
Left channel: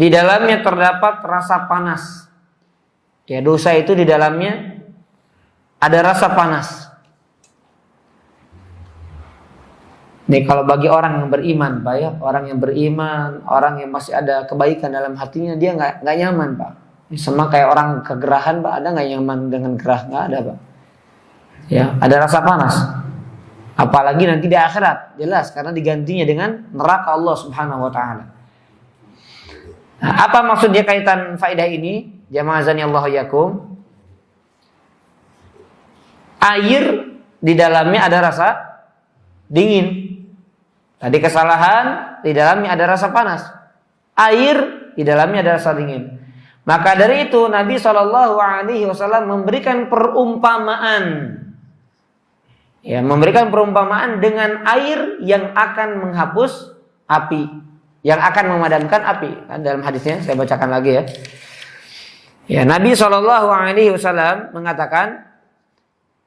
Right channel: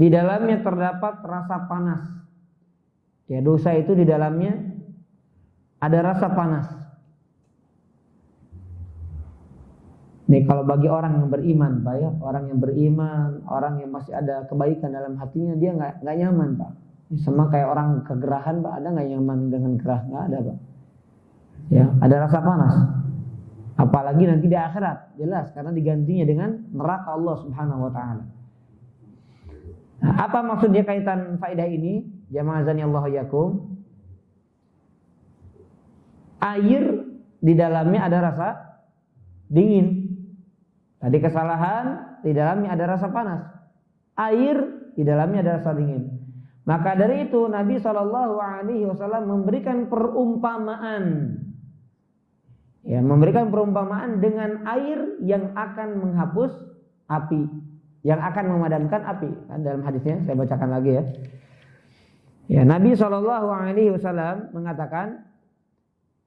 di dalamnya terdapat rasa panas. Ya, dosa itu di dalamnya ada rasa panas. Nih kalau bagi orang yang beriman, Pak, ya, orang yang beriman, orang yang masih ada kebaikan dalam hatinya, dia nggak nyaman, Pak. Sama kayak orang kegerahan, Pak, ada nggak nyaman dengan gerah? Nggak ada, Pak. Ya, ada rasa panas. Apalagi nanti di akhirat, jelas karena digantinya dengan neraka Allah Subhanahu wa taala. Nah, apa maksudnya kaitan faedah ini? Jamaah azanillahu yakum. Air di dalamnya ada rasa dingin. Tadi kesalahan di dalamnya ada rasa panas. Air di dalamnya ada rasa dingin. Maka dari itu Nabi SAW memberikan perumpamaan. Ya, memberikan perumpamaan dengan air yang akan menghapus api, yang akan memadamkan api. Dalam hadisnya saya bacakan lagi ya. Ya, Nabi SAW mengatakan,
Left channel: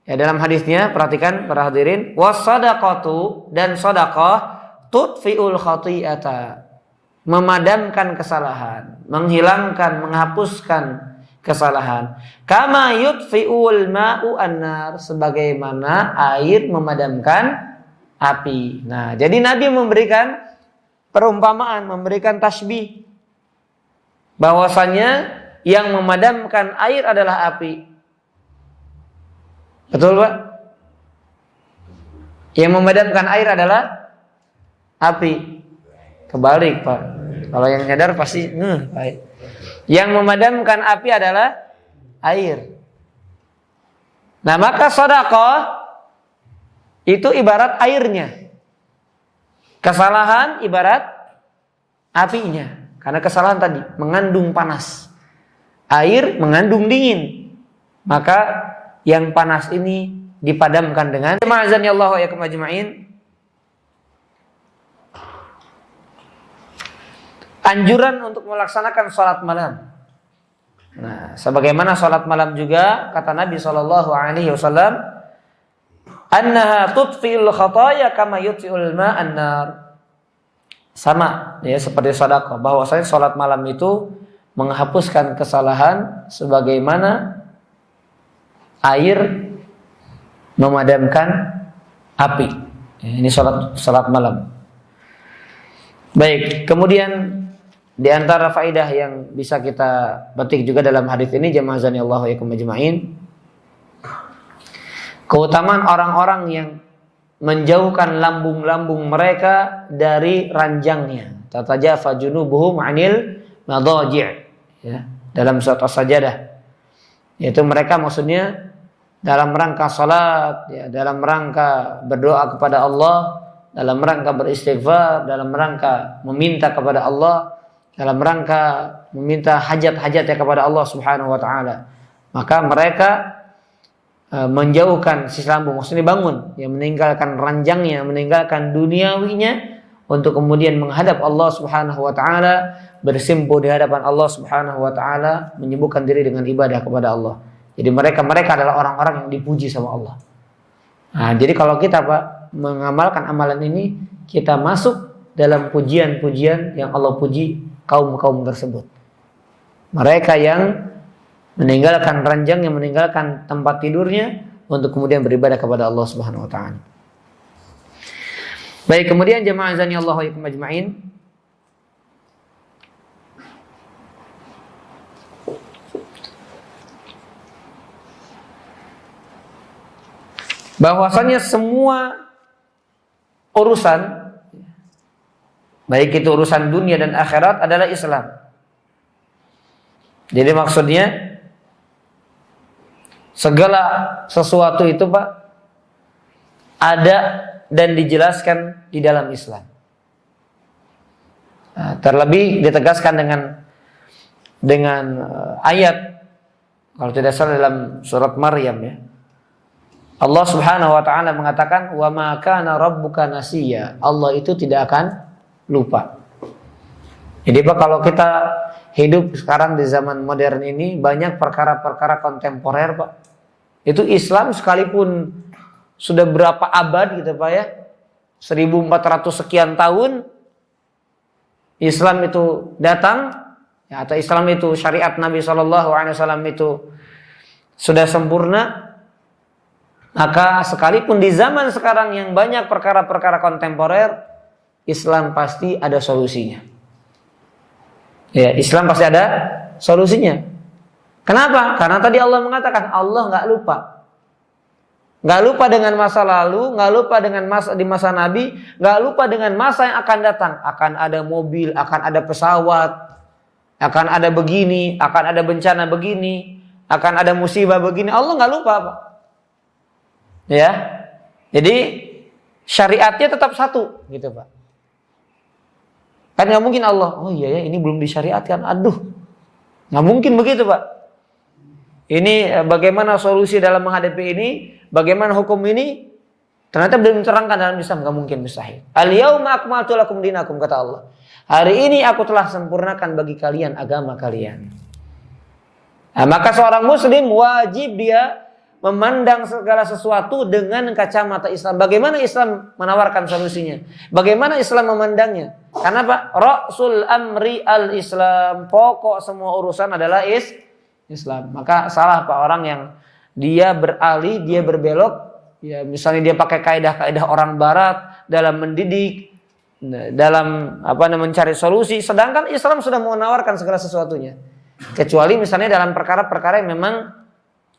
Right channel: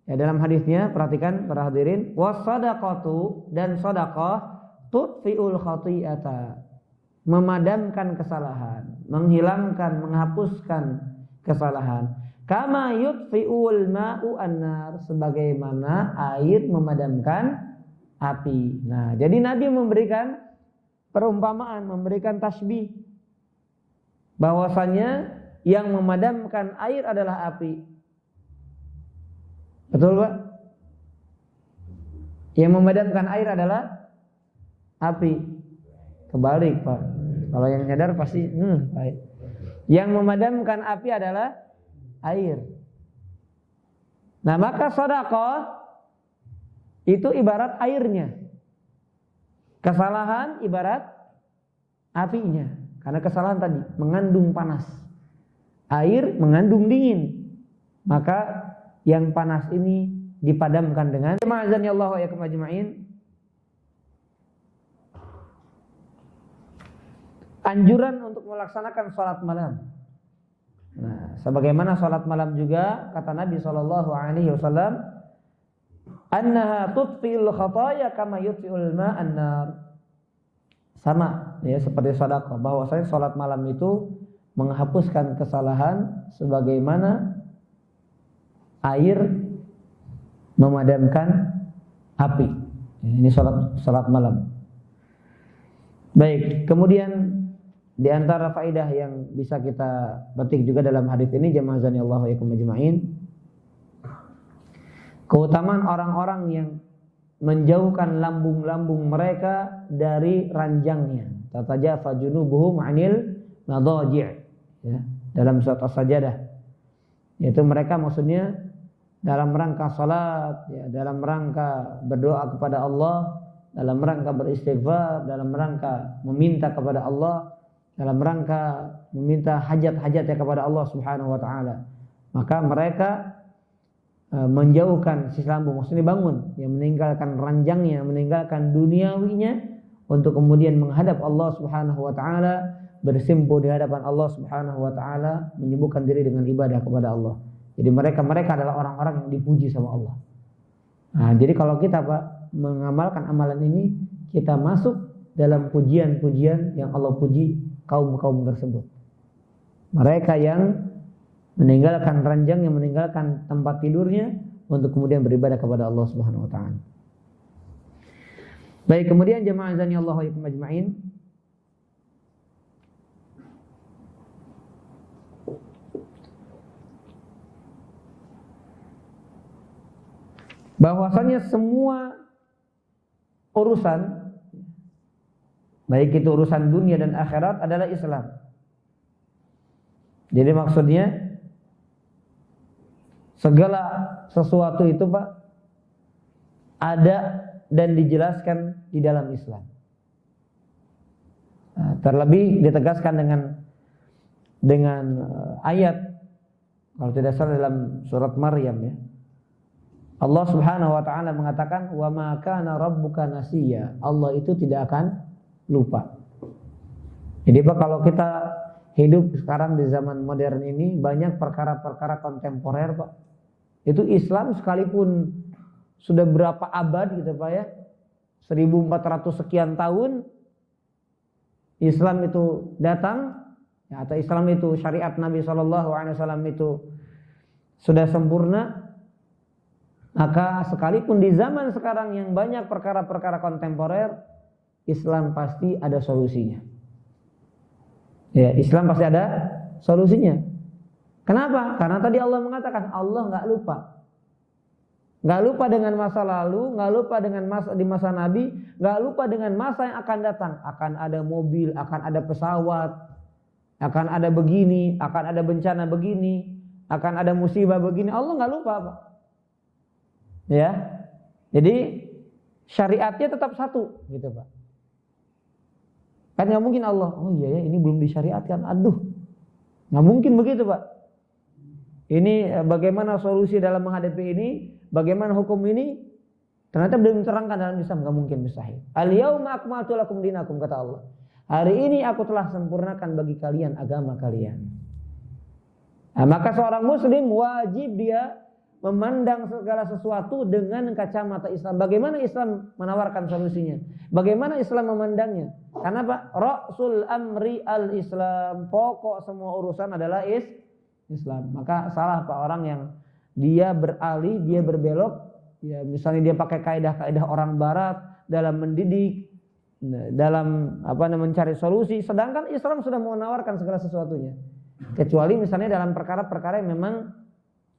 ya, dalam hadisnya perhatikan para hadirin, was-shadaqatu, dan sedekah tudfi'ul khati'ata, memadamkan kesalahan, menghilangkan, menghapuskan kesalahan. Kama yudfi'ul ma'u an-nar, sebagaimana air memadamkan api. Nah, jadi Nabi memberikan perumpamaan, memberikan tasbih bahwasanya yang memadamkan air adalah api. Betul, Pak? Yang memadamkan air adalah api. Kebalik, Pak. Kalau yang nyadar pasti baik. Yang memadamkan api adalah air. Nah, maka sedekah itu ibarat airnya. Kesalahan ibarat apinya. Karena kesalahan tadi mengandung panas. Air mengandung dingin. Maka yang panas ini dipadamkan dengan ma'azanillahu wa yakum ajma'in. Anjuran untuk melaksanakan salat malam. Nah, sebagaimana salat malam juga kata Nabi SAW, annaha tudfi'ul khataaya kama yudfi'ul ma'an nar. Sama ya seperti sedekah, bahwasanya salat malam itu menghapuskan kesalahan sebagaimana air memadamkan api. Ini salat malam. Baik, kemudian di antara faedah yang bisa kita petik juga dalam hadis ini, jamaah azanillahu wa yakum ajma'in, keutamaan orang-orang yang menjauhkan lambung-lambung mereka dari ranjangnya. Tatajafa junubuhum 'anil madaji', ya, dalam surat As-Sajdah. Yaitu mereka maksudnya dalam rangka salat, ya, dalam rangka berdoa kepada Allah, dalam rangka beristighfar, dalam rangka meminta kepada Allah, dalam rangka meminta hajat-hajatnya kepada Allah Subhanahu wa taala. Maka mereka menjauhkan sisi lambung, maksudnya bangun, yang meninggalkan ranjangnya, meninggalkan duniawinya untuk kemudian menghadap Allah Subhanahu wa taala, bersimpuh di hadapan Allah Subhanahu wa taala, menyibukkan diri dengan ibadah kepada Allah. Jadi mereka adalah orang-orang yang dipuji sama Allah. Nah, jadi kalau kita Pak mengamalkan amalan ini, kita masuk dalam pujian-pujian yang Allah puji kaum-kaum tersebut. Mereka yang meninggalkan ranjang, yang meninggalkan tempat tidurnya untuk kemudian beribadah kepada Allah Subhanahu wa taala. Baik, kemudian jemaah azani Allah wa iyyakum ajmain. Bahwasanya semua urusan, baik itu urusan dunia dan akhirat, adalah Islam. Jadi maksudnya segala sesuatu itu Pak ada dan dijelaskan di dalam Islam. Nah, terlebih ditegaskan dengan ayat, kalau tidak salah dalam surat Maryam, ya. Allah Subhanahu wa taala mengatakan, "Wa ma kana rabbuka nasiya." Allah itu tidak akan lupa. Jadi Pak, kalau kita hidup sekarang di zaman modern ini, banyak perkara-perkara kontemporer Pak. Itu Islam sekalipun sudah berapa abad gitu Pak, ya, 1400 sekian tahun Islam itu datang, ya, atau Islam itu syariat Nabi SAW itu sudah sempurna. Maka sekalipun di zaman sekarang yang banyak perkara-perkara kontemporer, Islam pasti ada solusinya. Ya, Islam pasti ada solusinya. Kenapa? Karena tadi Allah mengatakan Allah nggak lupa. Nggak lupa dengan masa lalu, nggak lupa dengan masa di masa Nabi, nggak lupa dengan masa yang akan datang. Akan ada mobil, akan ada pesawat, akan ada begini, akan ada bencana begini, akan ada musibah begini. Allah nggak lupa Pak. Ya, jadi syariatnya tetap satu, gitu Pak. Kan nggak mungkin Allah, oh iya ya ini belum disyariatkan, aduh, nggak mungkin begitu Pak. Ini bagaimana solusi dalam menghadapi ini, bagaimana hukum ini, ternyata belum diterangkan dalam Islam, nggak mungkin, mustahil. Al-yauma akmaltu lakum dinakum, kata Allah. Hari ini aku telah sempurnakan bagi kalian agama kalian. Nah, maka seorang muslim wajib dia memandang segala sesuatu dengan kacamata Islam. Bagaimana Islam menawarkan solusinya? Bagaimana Islam memandangnya? Karena Pak, Ra'sul amri al-Islam, pokok semua urusan adalah Islam. Maka salah Pak orang yang dia beralih, dia berbelok, ya misalnya dia pakai kaidah-kaidah orang barat dalam mendidik, dalam mencari solusi, sedangkan Islam sudah menawarkan segala sesuatunya. Kecuali misalnya dalam perkara-perkara yang memang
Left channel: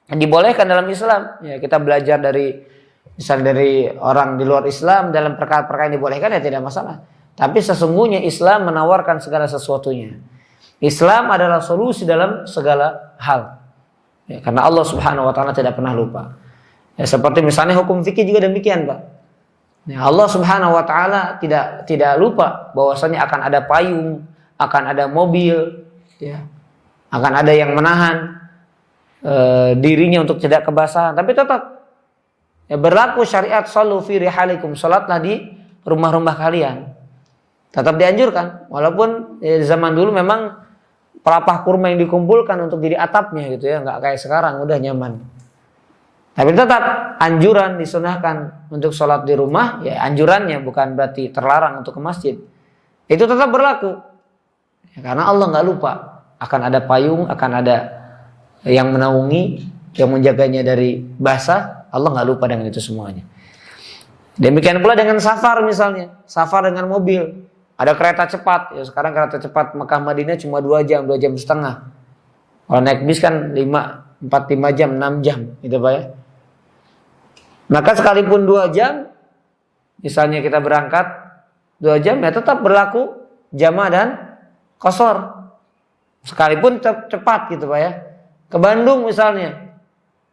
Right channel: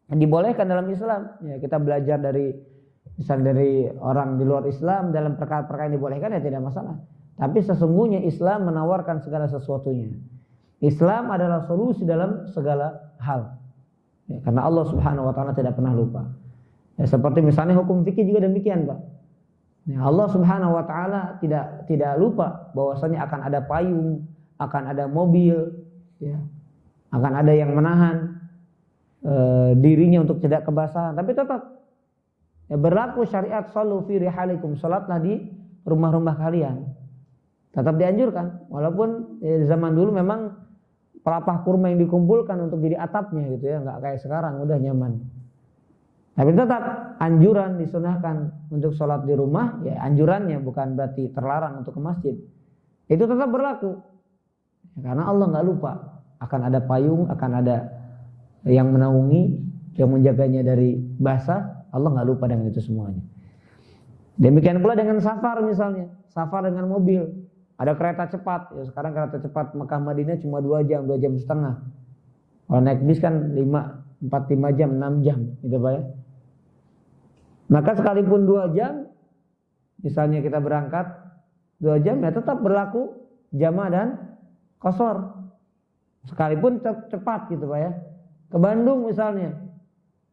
dibolehkan dalam Islam, ya kita belajar dari orang di luar Islam dalam perkara-perkara yang dibolehkan, ya tidak masalah. Tapi sesungguhnya Islam menawarkan segala sesuatunya. Islam adalah solusi dalam segala hal, ya, karena Allah Subhanahu wa taala tidak pernah lupa. Ya, seperti misalnya hukum fikih juga demikian Pak. Ya, Allah Subhanahu wa taala tidak lupa bahwasanya akan ada payung, akan ada mobil, ya, akan ada yang menahan dirinya untuk tidak kebasahan, tapi tetap ya, berlaku syariat sallu fi rihalikum, salatlah di rumah-rumah kalian. Tetap dianjurkan, walaupun ya, zaman dulu memang pelepah kurma yang dikumpulkan untuk jadi atapnya gitu ya, nggak kayak sekarang udah nyaman. Tapi tetap anjuran disunahkan untuk salat di rumah, ya anjurannya bukan berarti terlarang untuk ke masjid. Itu tetap berlaku, ya, karena Allah nggak lupa akan ada payung, akan ada yang menaungi, yang menjaganya dari basah. Allah nggak lupa dengan itu semuanya. Demikian pula dengan safar misalnya, safar dengan mobil, ada kereta cepat. Ya sekarang kereta cepat Mekah Madinah cuma 2 jam, 2 jam setengah. Kalau naik bis kan 4-5 jam, 6 jam, gitu Pak ya. Maka sekalipun 2 jam, misalnya kita berangkat 2 jam, ya tetap berlaku jama' dan qashar. Sekalipun cepat gitu Pak ya. Ke Bandung misalnya,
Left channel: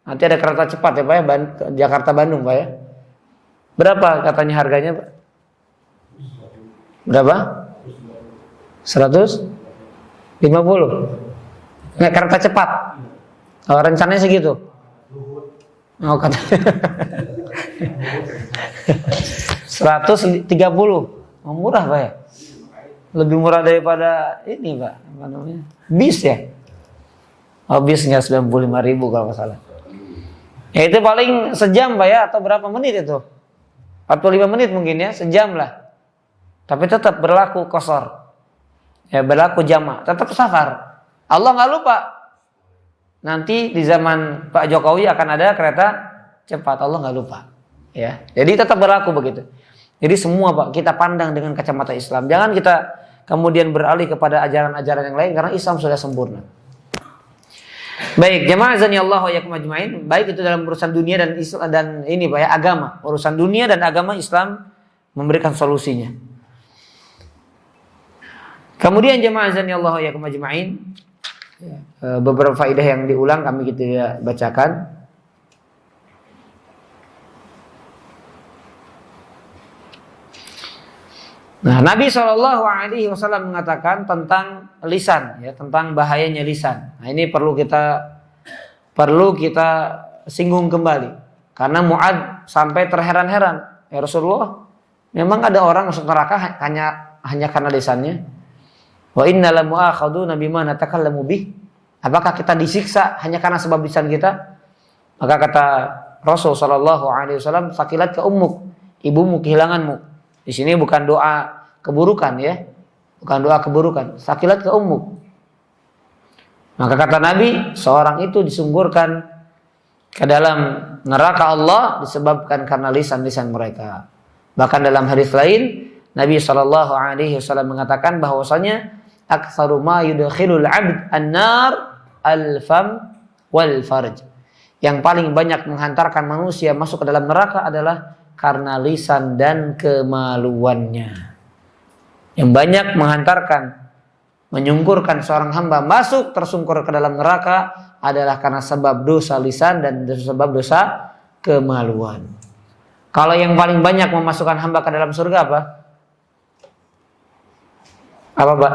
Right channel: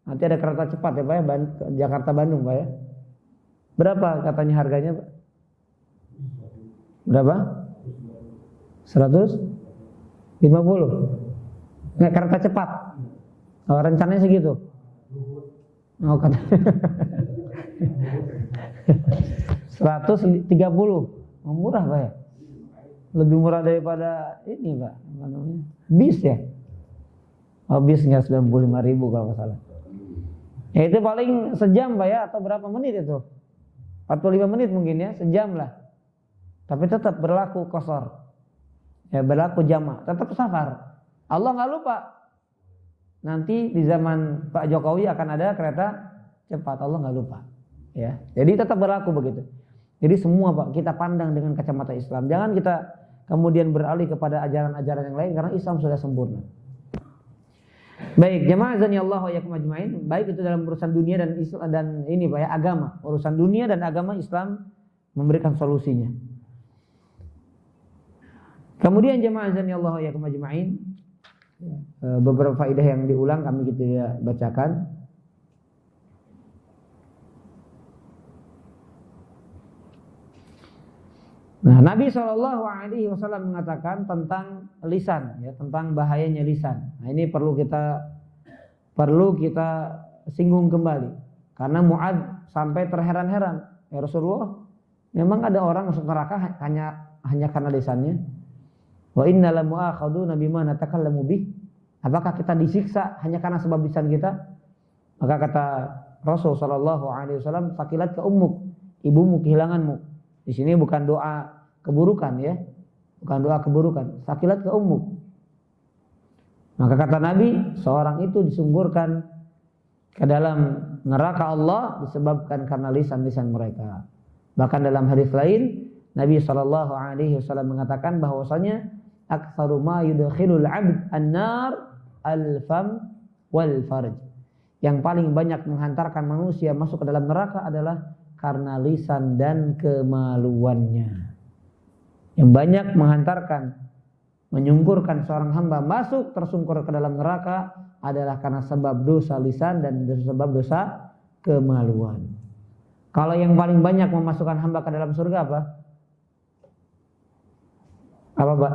nanti ada kereta cepat ya Pak ya, Jakarta Bandung Pak ya. Berapa katanya harganya Pak? Berapa? 150? Nggak, kereta cepat. Oh, rencananya segitu. Oh, katanya 130. Oh, murah Pak ya. Lebih murah daripada ini Pak, apa namanya? Bis ya. Oh, bisnya 95.000 kalau nggak salah. Ya itu paling sejam Pak ya, atau berapa menit itu? 45 menit mungkin ya, sejam lah. Tapi tetap berlaku qashar. Ya berlaku jama', tetap safar. Allah nggak lupa. Nanti di zaman Pak Jokowi akan ada kereta cepat, Allah nggak lupa. Ya, jadi tetap berlaku begitu. Jadi semua Pak kita pandang dengan kacamata Islam. Jangan kita kemudian beralih kepada ajaran-ajaran yang lain karena Islam sudah sempurna. Baik, jamaah azani Allah wa iyyakum ajmain. Baik itu dalam urusan dunia dan Islam dan ini Pak ya, agama. Urusan dunia dan agama Islam memberikan solusinya. Kemudian jamaah azani Allah wa iyyakum ajmain, beberapa faedah yang diulang kami kita bacakan. Nah, Nabi SAW mengatakan tentang lisan, ya, tentang bahayanya lisan. Nah, ini perlu kita singgung kembali, karena Mu'adz sampai terheran-heran. Ya Rasulullah, memang ada orang masuk neraka hanya karena lisannya? Wa inna la mu'akhaduna bima natakallamu bih. Apakah kita disiksa hanya karena sebab lisan kita? Maka kata Rasul SAW, sakilat ke ummuk, ibumu kehilanganmu. Di sini bukan doa keburukan ya, bukan doa keburukan. Sakilat ke ummuk. Maka kata Nabi, seorang itu disungkurkan ke dalam neraka Allah disebabkan karena lisan-lisan mereka. Bahkan dalam hadis lain, Nabi SAW mengatakan bahwasanya aktsaru ma yudkhilul 'abd an-nar al-fam wal farj. Yang paling banyak menghantarkan manusia masuk ke dalam neraka adalah karena lisan dan kemaluannya. Yang banyak menghantarkan, menyungkurkan seorang hamba masuk tersungkur ke dalam neraka adalah karena sebab dosa lisan dan sebab dosa kemaluan. Kalau yang paling banyak memasukkan hamba ke dalam surga apa? Apa Pak?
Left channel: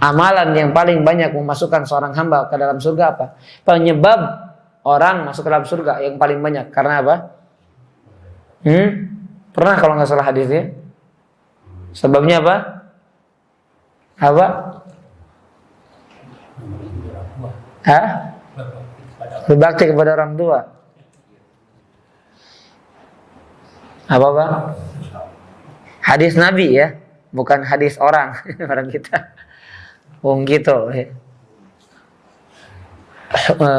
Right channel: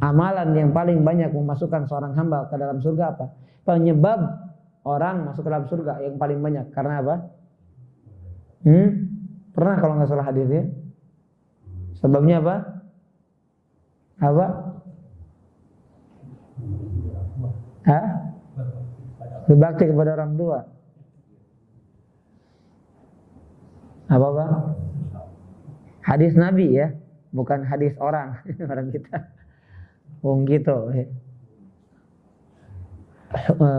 Amalan yang paling banyak memasukkan seorang hamba ke dalam surga apa? Penyebab orang masuk ke dalam surga yang paling banyak karena apa? Pernah kalau nggak salah hadisnya? Sebabnya apa? Apa? Berbakti kepada orang tua. Apa Pak? Hadis Nabi ya, bukan hadis orang kita. Wong gitu.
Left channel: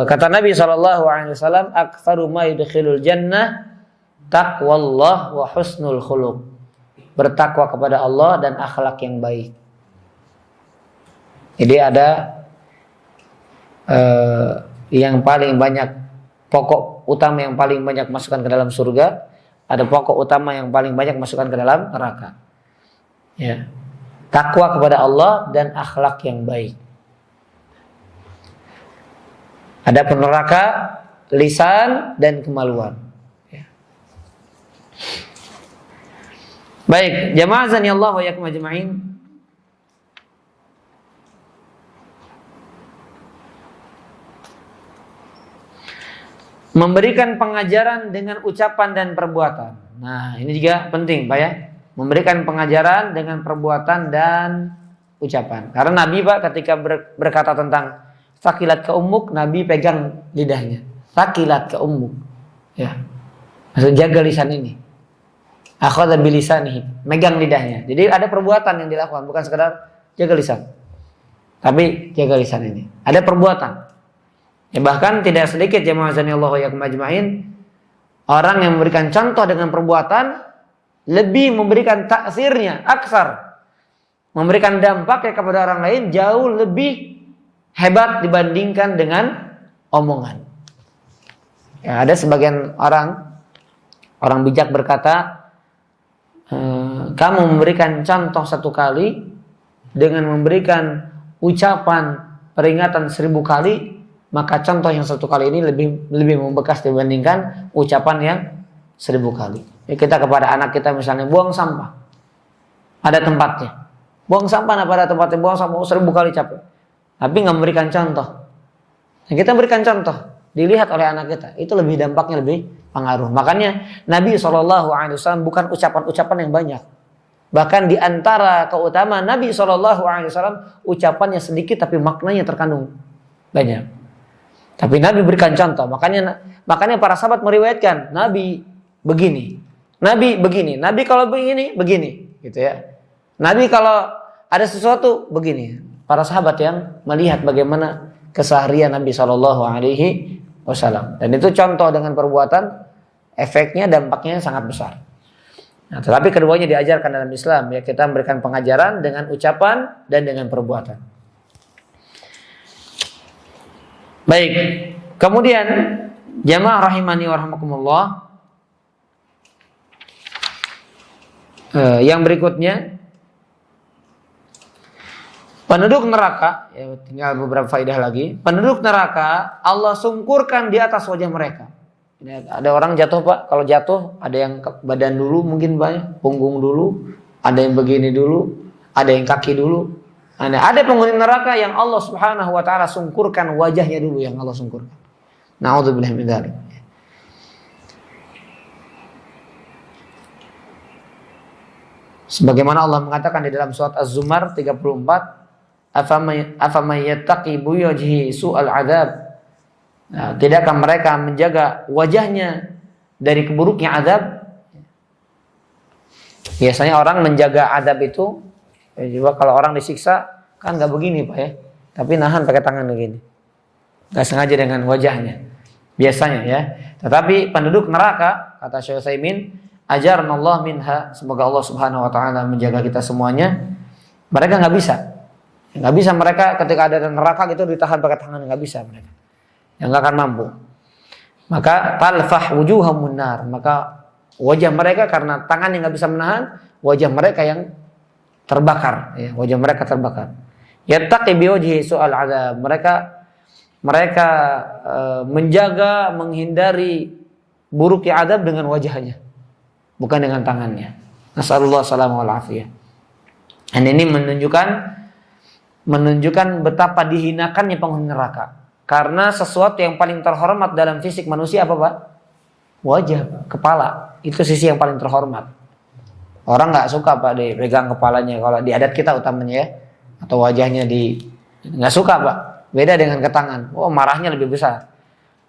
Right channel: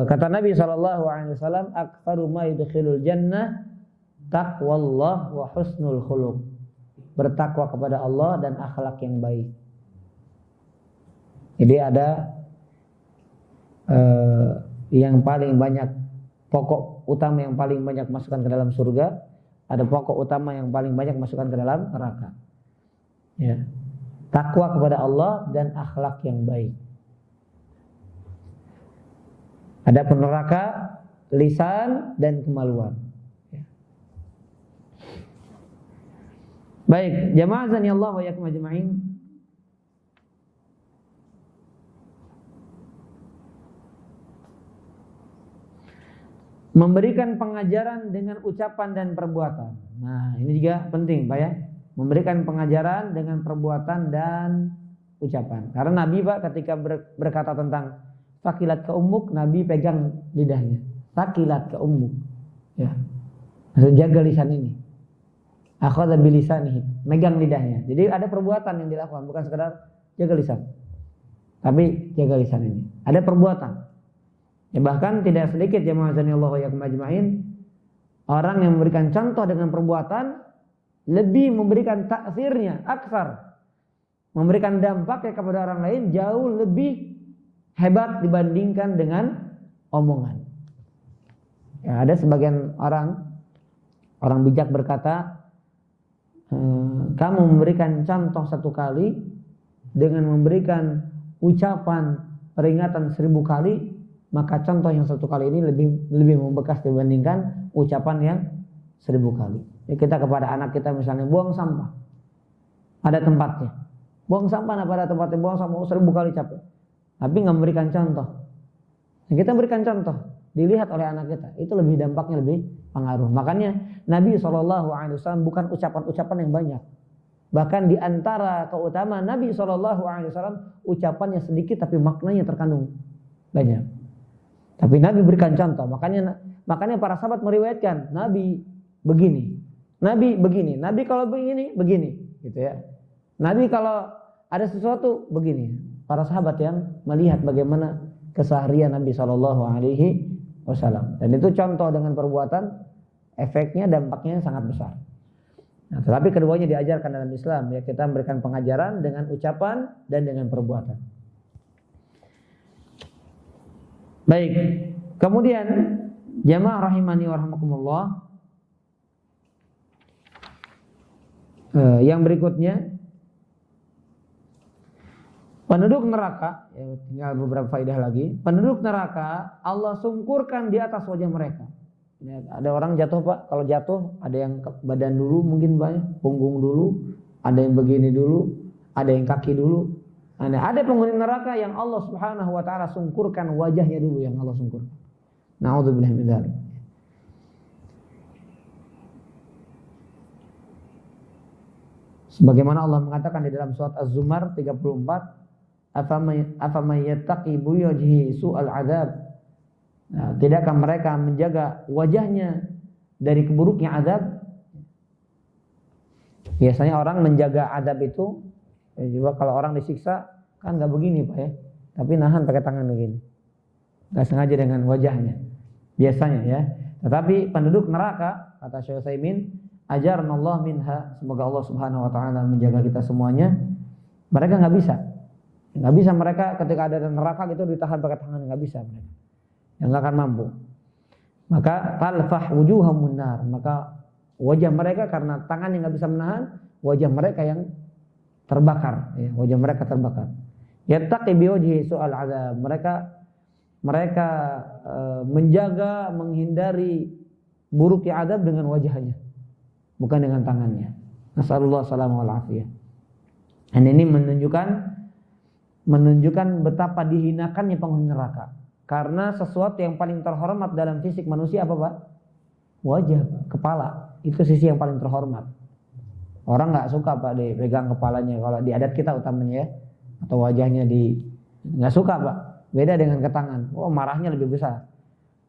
Kata Nabi SAW, aktsaru ma yudkhilul jannah taqwallah wa husnul khuluq. Bertakwa kepada Allah dan akhlak yang baik. Jadi ada yang paling banyak, pokok utama yang paling banyak masukkan ke dalam surga, ada pokok utama yang paling banyak masukkan ke dalam neraka. Ya. Takwa kepada Allah dan akhlak yang baik. Ada neraka, lisan dan kemaluan. Baik, jamaah azani Allah wa iyyakum ajmain. Memberikan pengajaran dengan ucapan dan perbuatan. Nah, ini juga penting, Pak ya. Memberikan pengajaran dengan perbuatan dan ucapan. Karena Nabi Pak ketika berkata tentang sakilat ke ummuk, Nabi pegang lidahnya. Sakilat ke ummuk. Ya. Maksud jaga lisan ini. Akhadha bilisanihi, megang lidahnya. Jadi ada perbuatan yang dilakukan, bukan sekedar jaga lisan. Tapi jaga lisan ini. Ada perbuatan. Ya, bahkan tidak sedikit jamaah azanillahu wa iyyakum ajmain, orang yang memberikan contoh dengan perbuatan lebih memberikan taksirnya, aksar, memberikan dampaknya kepada orang lain jauh lebih hebat dibandingkan dengan omongan. Ya, ada sebagian orang Orang bijak berkata, kamu memberikan contoh 1 kali dengan memberikan ucapan peringatan 1000 kali, maka contoh yang 1 kali ini lebih membekas dibandingkan ucapan yang 1000 kali. Ya, kita kepada anak kita misalnya buang sampah, ada tempatnya. Buang sampah pada tempatnya, buang sampah 1000 kali capek. Tapi nggak memberikan contoh. Nah, kita berikan contoh, dilihat oleh anak kita, itu lebih dampaknya lebih pengaruh. Makanya Nabi SAW bukan ucapan-ucapan yang banyak. Bahkan di antara keutamaan Nabi SAW, ucapannya sedikit tapi maknanya terkandung banyak. Tapi Nabi berikan contoh. Makanya para sahabat meriwayatkan Nabi begini, Nabi begini, Nabi kalau begini, gitu ya. Nabi kalau ada sesuatu begini. Para sahabat yang melihat bagaimana keseharian Nabi SAW. Dan itu contoh dengan perbuatan, efeknya, dampaknya sangat besar. Nah, tetapi keduanya diajarkan dalam Islam. Ya, kita memberikan pengajaran dengan ucapan dan dengan perbuatan. Baik. Kemudian jamaah rahimani wa rahimakumullah. Yang berikutnya, penduduk neraka, ya, tinggal beberapa faedah lagi. Penduduk neraka Allah sungkurkan di atas wajah mereka. Ada orang jatuh Pak, kalau jatuh ada yang badan dulu mungkin banyak, punggung dulu, ada yang begini dulu, ada yang kaki dulu. Ada penghuni neraka yang Allah Subhanahu wa taala sungkurkan wajahnya dulu, yang Allah sungkurkan. Na'udzubillah min dzalik. Sebagaimana Allah mengatakan di dalam surat Az-Zumar 34, afamay yattaqi buyajhi su'al adab. Nah, tidakkah mereka menjaga wajahnya dari keburuknya azab? Biasanya orang menjaga azab itu, juga kalau orang disiksa kan nggak begini Pak ya, tapi nahan pakai tangan begini, nggak sengaja dengan wajahnya biasanya ya. Tetapi penduduk neraka, kata Syekh Utsaimin, ajarnallah minha, semoga Allah Subhanahu wa taala menjaga kita semuanya. Mereka nggak bisa mereka ketika ada neraka gitu ditahan pakai tangan, nggak bisa mereka, yang nggak akan mampu. Maka talfah wujuhum nar, maka wajah mereka karena tangan yang nggak bisa menahan, wajah mereka yang terbakar, ya, wajah mereka terbakar. Yattaqi biwajhi su'al adzab, mereka menjaga, menghindari buruknya adab dengan wajahnya, bukan dengan tangannya. Nasallallahu salamah wal afiyah. Dan ini menunjukkan betapa dihinakannya penghuni neraka. Karena sesuatu yang paling terhormat dalam fisik manusia apa Pak? Wajah, kepala. Itu sisi yang paling terhormat. Orang nggak suka Pak dipegang kepalanya, kalau di adat kita utamanya ya, atau wajahnya nggak suka Pak. Beda dengan ke tangan. Oh, marahnya lebih besar.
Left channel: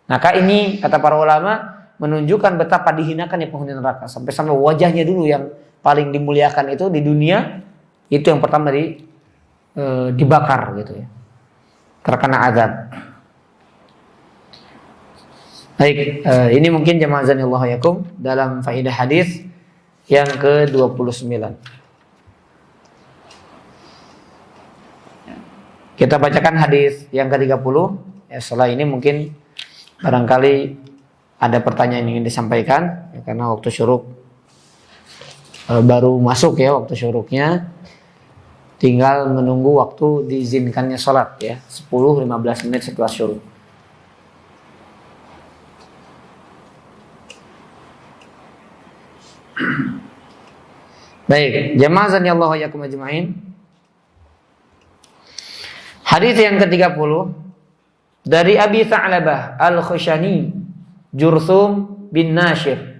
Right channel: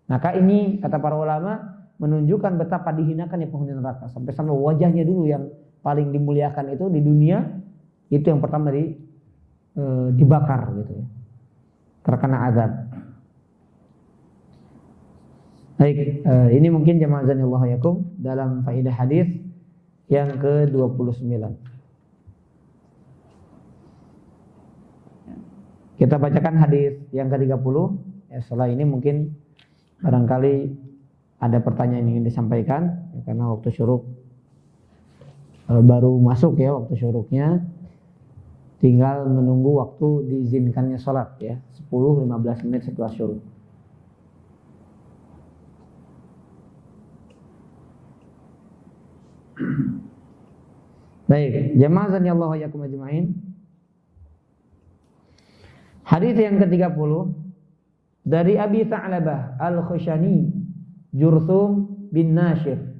Maka ini kata para ulama menunjukkan betapa dihinakannya penghuni neraka. Sampai wajahnya dulu yang paling dimuliakan itu di dunia, itu yang pertama dibakar gitu ya, terkena azab. Baik, ini mungkin jamaah azanillahu yakum dalam faedah hadis yang ke-29. Kita bacakan hadis yang ke-30. Ya, setelah ini mungkin barangkali ada pertanyaan yang ingin disampaikan, ya, karena waktu syuruk baru masuk ya, waktu syuruknya. Tinggal menunggu waktu diizinkannya sholat ya, 10-15 menit setelah syuruk. Baik, jamaah zanillahu yakum ajma'in. Hadis yang ke-30 dari Abi Tha'labah Al-Khushani Jurthum bin Nashir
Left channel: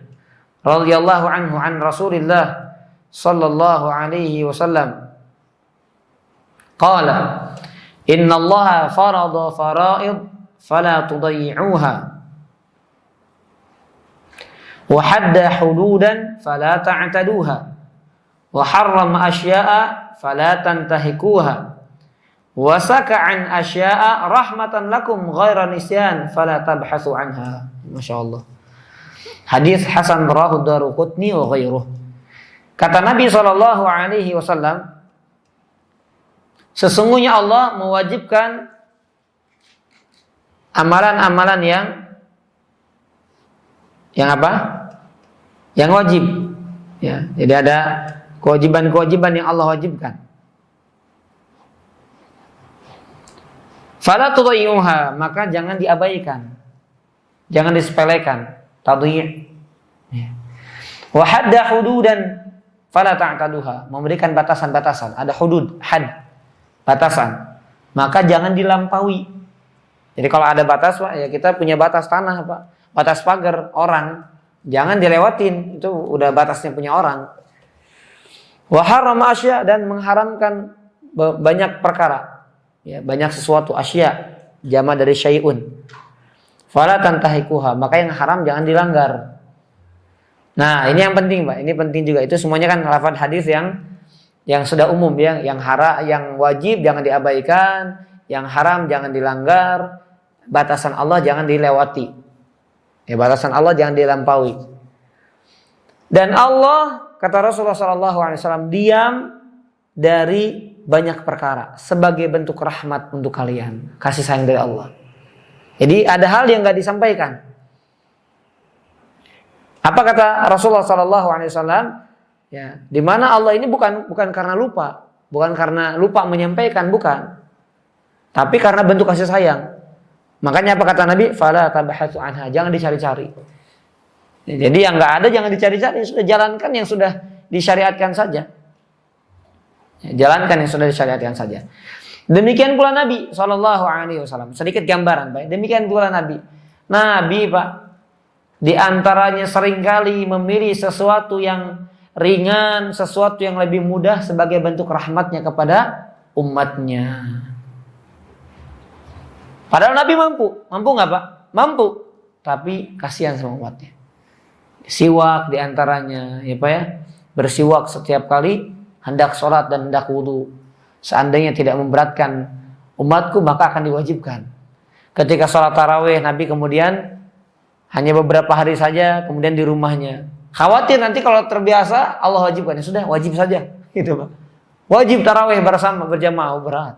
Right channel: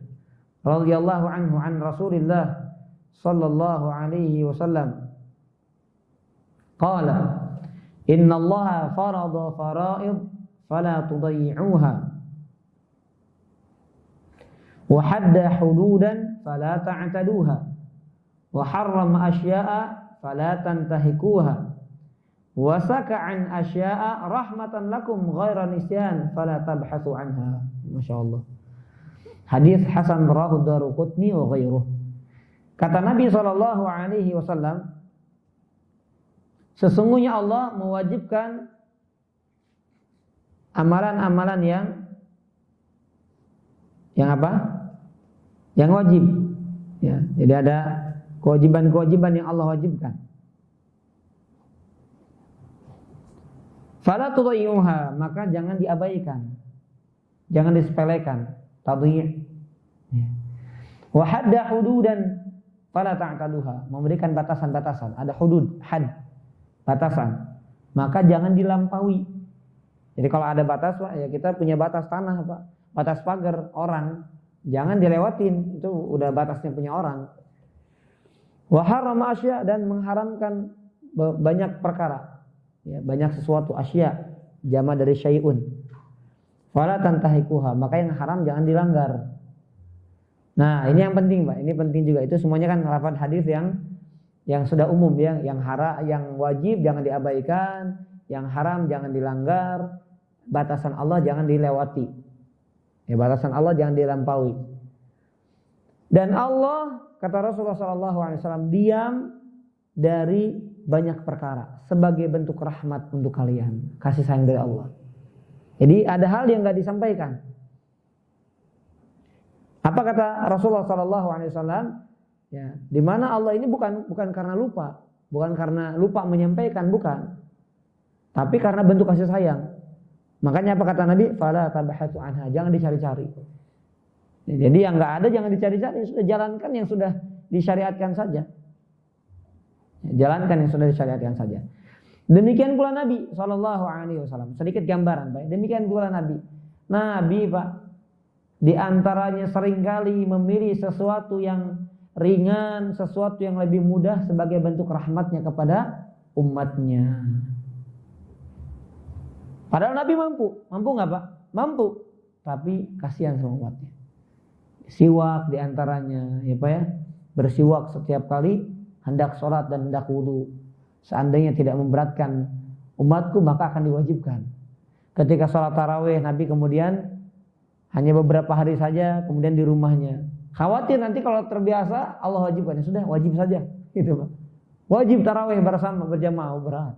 radhiyallahu anhu an Rasulillah sallallahu alaihi wasallam qala innallaha farada fara'id fala tudayyi'uha wa hadda hududan fala ta'taduha wa harrama asya'a fala tantahikuha wa saka'an asya'a rahmatan lakum ghaira nisyan fala tabhathu anha. Masyaallah. Hadis hasan rawahu Daruqutni wa ghairuh. Kata Nabi sallallahu alaihi wasallam, sesungguhnya Allah mewajibkan amalan-amalan yang apa? yang wajib. Ya, jadi ada kewajiban-kewajiban yang Allah wajibkan. Fala tudayyi'uha, maka jangan diabaikan. Jangan disepelekan. Tadhi'. Ya. Wa hadda hududan fala ta'taduha, memberikan batasan-batasan. Ada hudud, had, batasan. Maka jangan dilampaui. Jadi kalau ada batas, Pak, ya kita punya batas tanah, Pak. Batas pagar orang, jangan dilewatin. Itu udah batasnya punya orang. Wa harrama asya, dan mengharamkan banyak perkara. Ya, banyak sesuatu, asya, jama dari syai'un. Fala tantahikuha, maka yang haram jangan dilanggar. Nah, ini yang penting, Pak. Ini penting juga. Itu semuanya kan lafaz hadis yang sudah umum, ya. Yang wajib jangan diabaikan, yang haram jangan dilanggar, batasan Allah jangan dilewati. Ya, batasan Allah jangan dilampaui. Dan Allah, kata Rasulullah SAW, diam dari banyak perkara sebagai bentuk rahmat untuk kalian, kasih sayang dari Allah. Jadi ada hal yang nggak disampaikan. Apa kata Rasulullah SAW? Ya, di mana Allah ini bukan karena lupa, bukan karena lupa menyampaikan, bukan, tapi karena bentuk kasih sayang. Makanya apa kata Nabi? Fala tabahatsu anha, jangan dicari-cari. Ya, jadi yang nggak ada jangan dicari-cari, sudah jalankan yang sudah disyariatkan saja. Ya, jalankan yang sudah disyariatkan saja. Demikian pula Nabi SAW. Sedikit gambaran, Pak. Demikian pula Nabi, Pak, di antaranya seringkali memilih sesuatu yang ringan, sesuatu yang lebih mudah sebagai bentuk rahmatnya kepada umatnya. Padahal Nabi mampu nggak, Pak? Mampu, tapi kasihan sama umatnya. Siwak di antaranya, ya Pak ya, bersiwak setiap kali hendak sholat dan hendak wudu. Seandainya tidak memberatkan umatku, maka akan diwajibkan. Ketika sholat tarawih, Nabi kemudian hanya beberapa hari saja, kemudian di rumahnya. Khawatir nanti kalau terbiasa Allah wajibkan, ya sudah wajib saja, gitu Pak. Wajib tarawih bersama berjamaah, berat.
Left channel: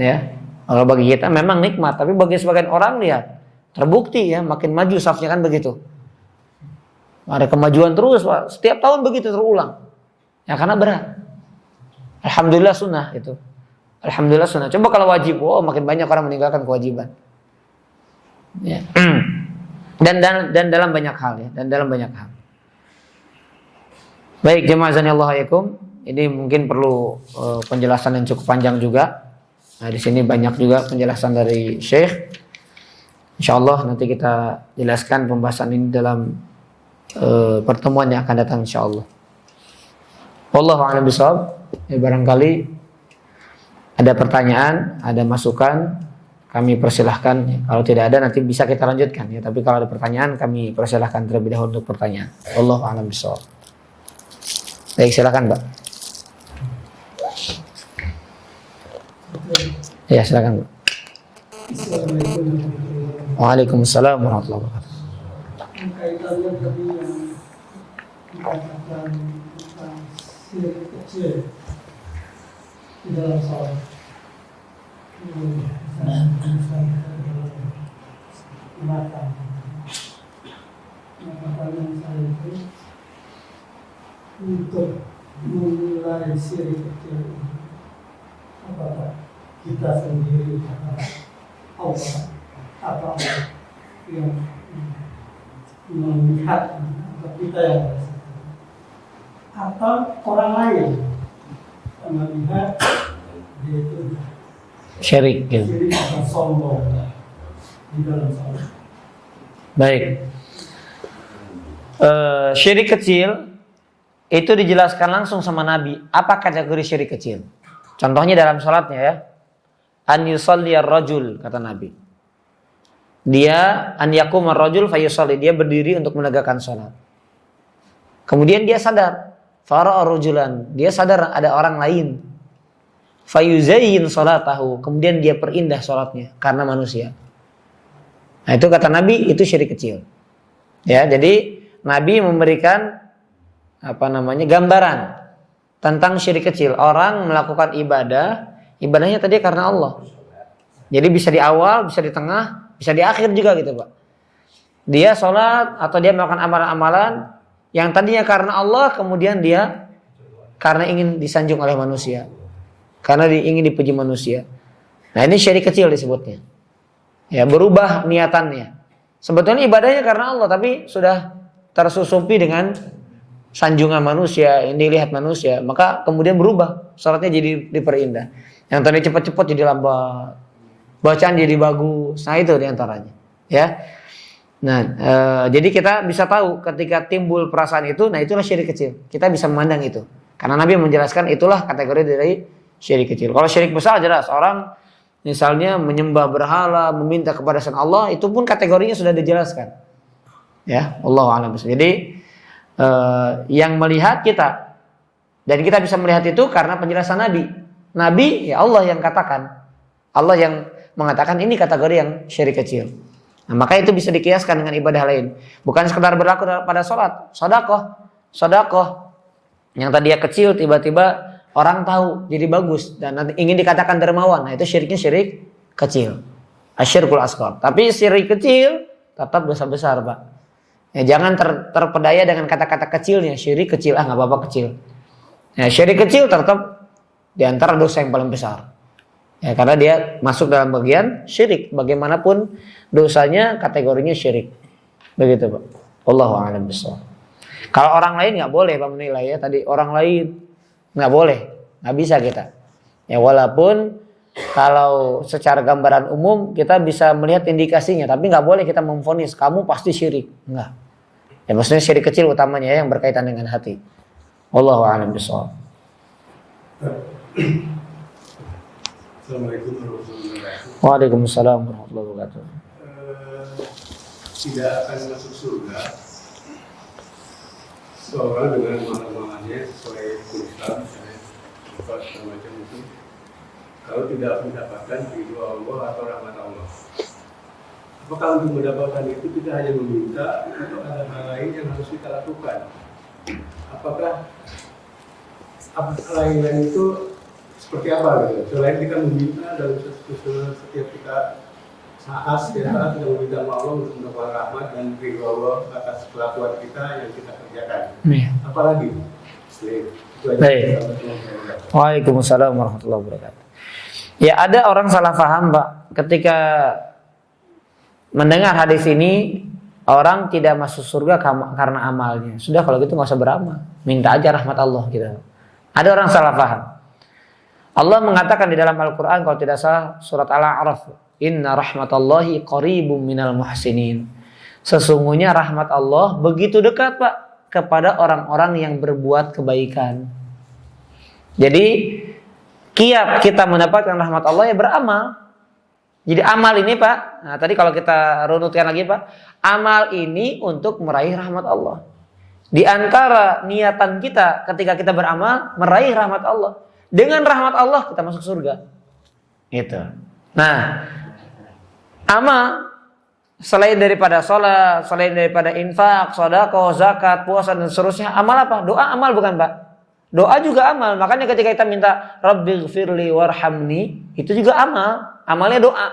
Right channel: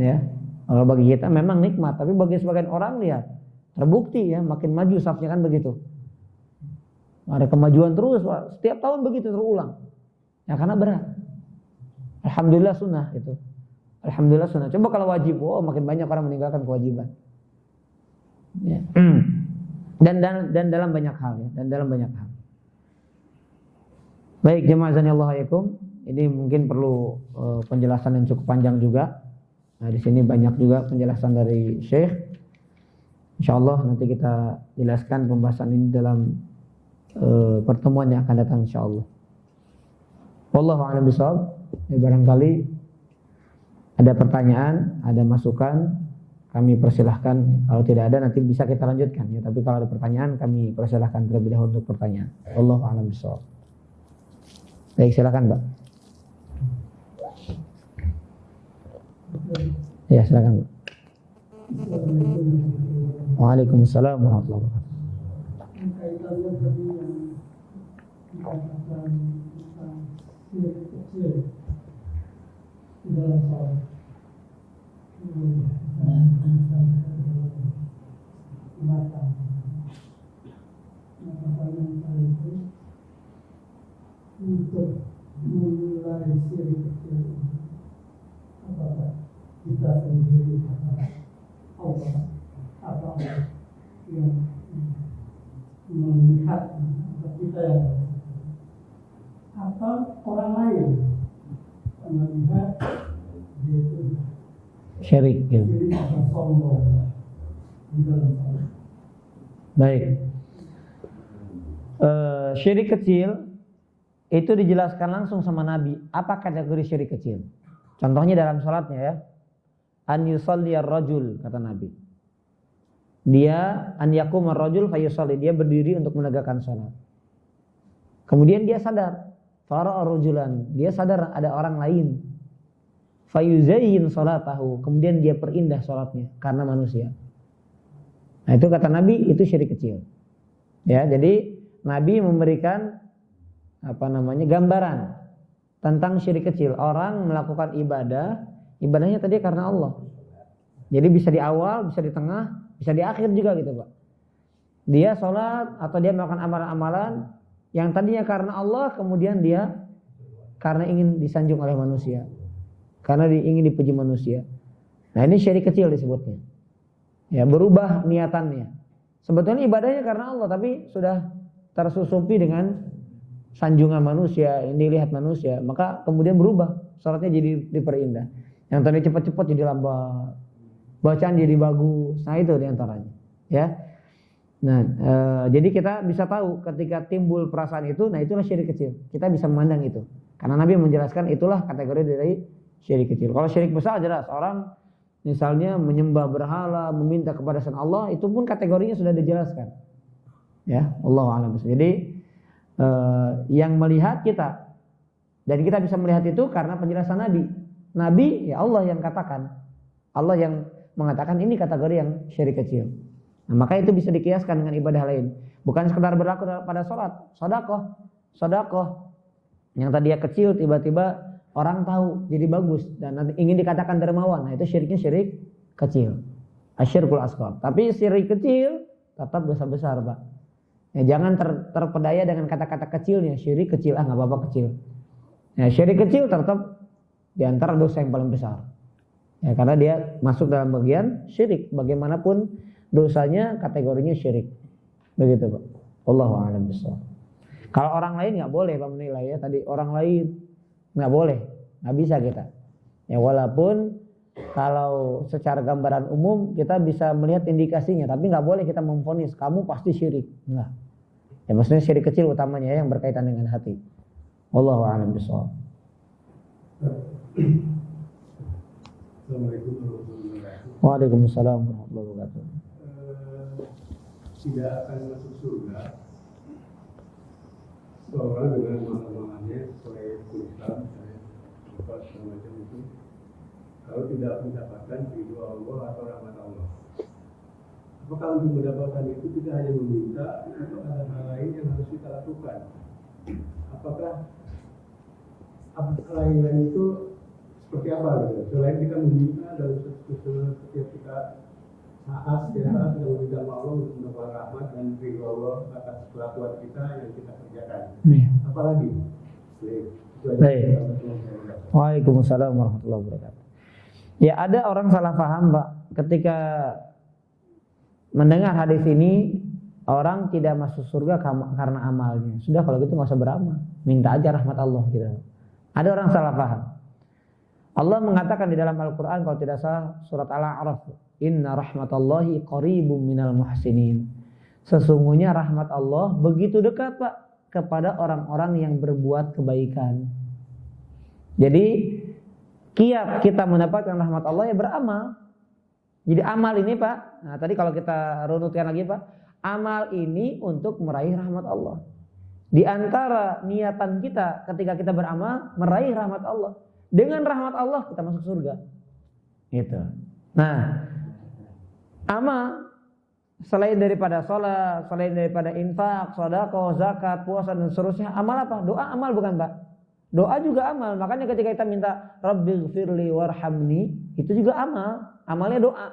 Ya, kalau bagi kita memang nikmat, tapi bagi sebagian orang lihat, terbukti ya makin maju safnya kan begitu. Ada kemajuan terus, Pak. Setiap tahun begitu terulang. Ya karena berat. Alhamdulillah sunnah itu. Alhamdulillah sunnah. Coba kalau wajib, makin banyak orang meninggalkan kewajiban. Ya. Dan dalam banyak hal, ya, dan dalam banyak hal. Baik, jemaah azanillahu alaikum. Ini mungkin perlu penjelasan yang cukup panjang juga. Nah, di sini banyak juga penjelasan dari Syekh. Insyaallah nanti kita jelaskan pembahasan ini dalam pertemuan yang akan datang insyaallah. Wallahu a'lam bishawab. Ya, barangkali ada pertanyaan, ada masukan, kami persilahkan. Kalau tidak ada nanti bisa kita lanjutkan ya. Tapi kalau ada pertanyaan kami persilahkan terlebih dahulu untuk pertanyaan. Wallahu a'lam bishawab. Baik, silakan Mbak. Ya, silakan Mbak. Waalaikumsalam warahmatullahi wabarakatuh. Kaitannya tadi yang dikatakan tentang syirik kecil di dalam salat. Maka pertanyaan saya itu untuk menilai syirik kecil apakah kita sendiri Allah atau yang melihat atau kita yang atau orang lain yang melihat dia itu Syirik gitu. syirik atau sombong di dalam salat. Baik. Syirik kecil itu dijelaskan langsung sama Nabi. Apa kategori syirik kecil? Contohnya dalam salatnya ya. An yusalliyar rajul, kata Nabi. Dia an yaqumar rajul fayusalli, dia berdiri untuk menegakkan salat. Kemudian dia sadar, fara'a rajulan, dia sadar ada orang lain. Fayuzayyin salatahu, kemudian dia perindah salatnya karena manusia. Nah, itu kata Nabi, itu syirik kecil. Ya, jadi Nabi memberikan gambaran tentang syirik kecil. Orang melakukan ibadahnya tadi karena Allah. Jadi bisa di awal, bisa di tengah, bisa di akhir juga gitu Pak. Dia sholat atau dia melakukan amalan-amalan yang tadinya karena Allah, kemudian dia karena ingin disanjung oleh manusia, karena ingin dipuji manusia. Nah, ini syirik kecil disebutnya. Ya, berubah niatannya. Sebetulnya ibadahnya karena Allah, tapi sudah tersusupi dengan sanjungan manusia, yang dilihat manusia, maka kemudian berubah, sholatnya jadi diperindah. Yang tadi cepat-cepat jadi lambat, bacaan jadi bagus. Nah, itu diantaranya. Ya. Nah, jadi kita bisa tahu ketika timbul perasaan itu, nah itulah syirik kecil. Kita bisa memandang itu. Karena Nabi menjelaskan itulah kategori dari syirik kecil. Kalau syirik besar jelas, orang misalnya menyembah berhala, meminta kepada selain Allah, itu pun kategorinya sudah dijelaskan. Ya, Allahu a'lam. Jadi yang melihat kita, dan kita bisa melihat itu karena penjelasan Nabi. Nabi ya Allah yang katakan, Allah yang mengatakan ini kategori yang syirik kecil. Nah, maka itu bisa dikiaskan dengan ibadah lain. Bukan sekedar berlaku pada sholat, sodakoh. Yang tadinya kecil tiba-tiba orang tahu jadi bagus dan nanti ingin dikatakan dermawan. Nah, itu syiriknya syirik kecil. Asyirkul asghar. Tapi syirik kecil tetap dosa besar, Pak. Ya, jangan terpedaya dengan kata-kata kecilnya. Syirik kecil, nggak apa-apa kecil. Ya, syirik kecil tetap di antara dosa yang paling besar. Ya, karena dia masuk dalam bagian syirik. Bagaimanapun dosanya kategorinya syirik. Begitu, Pak. Wallahu a'lam bishawab. Kalau orang lain nggak boleh Pak menilai ya. Tadi orang lain nggak boleh, nggak bisa kita. Ya walaupun kalau secara gambaran umum kita bisa melihat indikasinya, tapi nggak boleh kita memvonis kamu pasti syirik. Enggak. Ya maksudnya syirik kecil utamanya ya, yang berkaitan dengan hati. Wallahu a'lam bishawab. Assalamualaikum warahmatullahi wabarakatuh. Waalaikumsalam warahmatullahi wabarakatuh. Tidak akan masuk surga seorang dengan amalan-amalannya sesuai Islam, misalnya semacam itu, kalau tidak mendapatkan ridho Allah atau rahmat Allah. Apakah untuk mendapatkan itu kita hanya meminta atau ada hal lain yang harus kita lakukan? Apakah lain itu seperti apa gitu? Selain kita meminta dan setiap kita setiap saat kita meminta Allah untuk mendapatkan rahmat dan ridho Allah atas kelakuan kita yang kita kerjakan. Apalagi? Baik. Waalaikumsalam warahmatullahi wabarakatuh. Ya ada orang salah paham Pak, ketika mendengar hadis ini, orang tidak masuk surga karena amalnya. Sudah kalau gitu nggak usah beramal, minta aja rahmat Allah gitu. Ada orang salah paham. Allah mengatakan di dalam Al-Quran kalau tidak salah surat Al-A'raf, Inna rahmatallahi qaribum minal muhsinin. Sesungguhnya rahmat Allah begitu dekat Pak kepada orang-orang yang berbuat kebaikan. Jadi kiat kita mendapatkan rahmat Allah ya beramal. Jadi amal ini Pak, nah tadi kalau kita runutkan lagi Pak, amal ini untuk meraih rahmat Allah. Di antara niatan kita ketika kita beramal meraih rahmat Allah. Dengan rahmat Allah kita masuk surga. Itu. Nah, amal selain daripada sholat, selain daripada infak, sedekah, zakat, puasa dan seterusnya, amal apa? Doa amal bukan Pak? Doa juga amal. Makanya ketika kita minta Rabbighfirli warhamni, itu juga amal. Amalnya doa.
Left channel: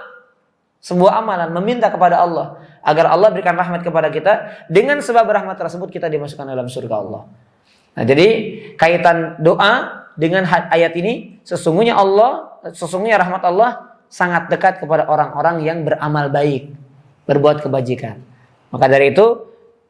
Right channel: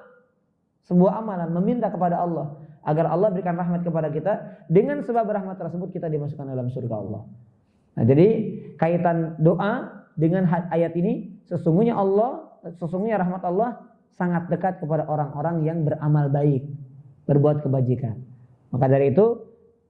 Sebuah amalan meminta kepada Allah agar Allah berikan rahmat kepada kita. Dengan sebab rahmat tersebut kita dimasukkan dalam surga Allah. Nah, jadi kaitan doa dengan ayat ini, sesungguhnya rahmat Allah sangat dekat kepada orang-orang yang beramal baik, berbuat kebajikan. Maka dari itu,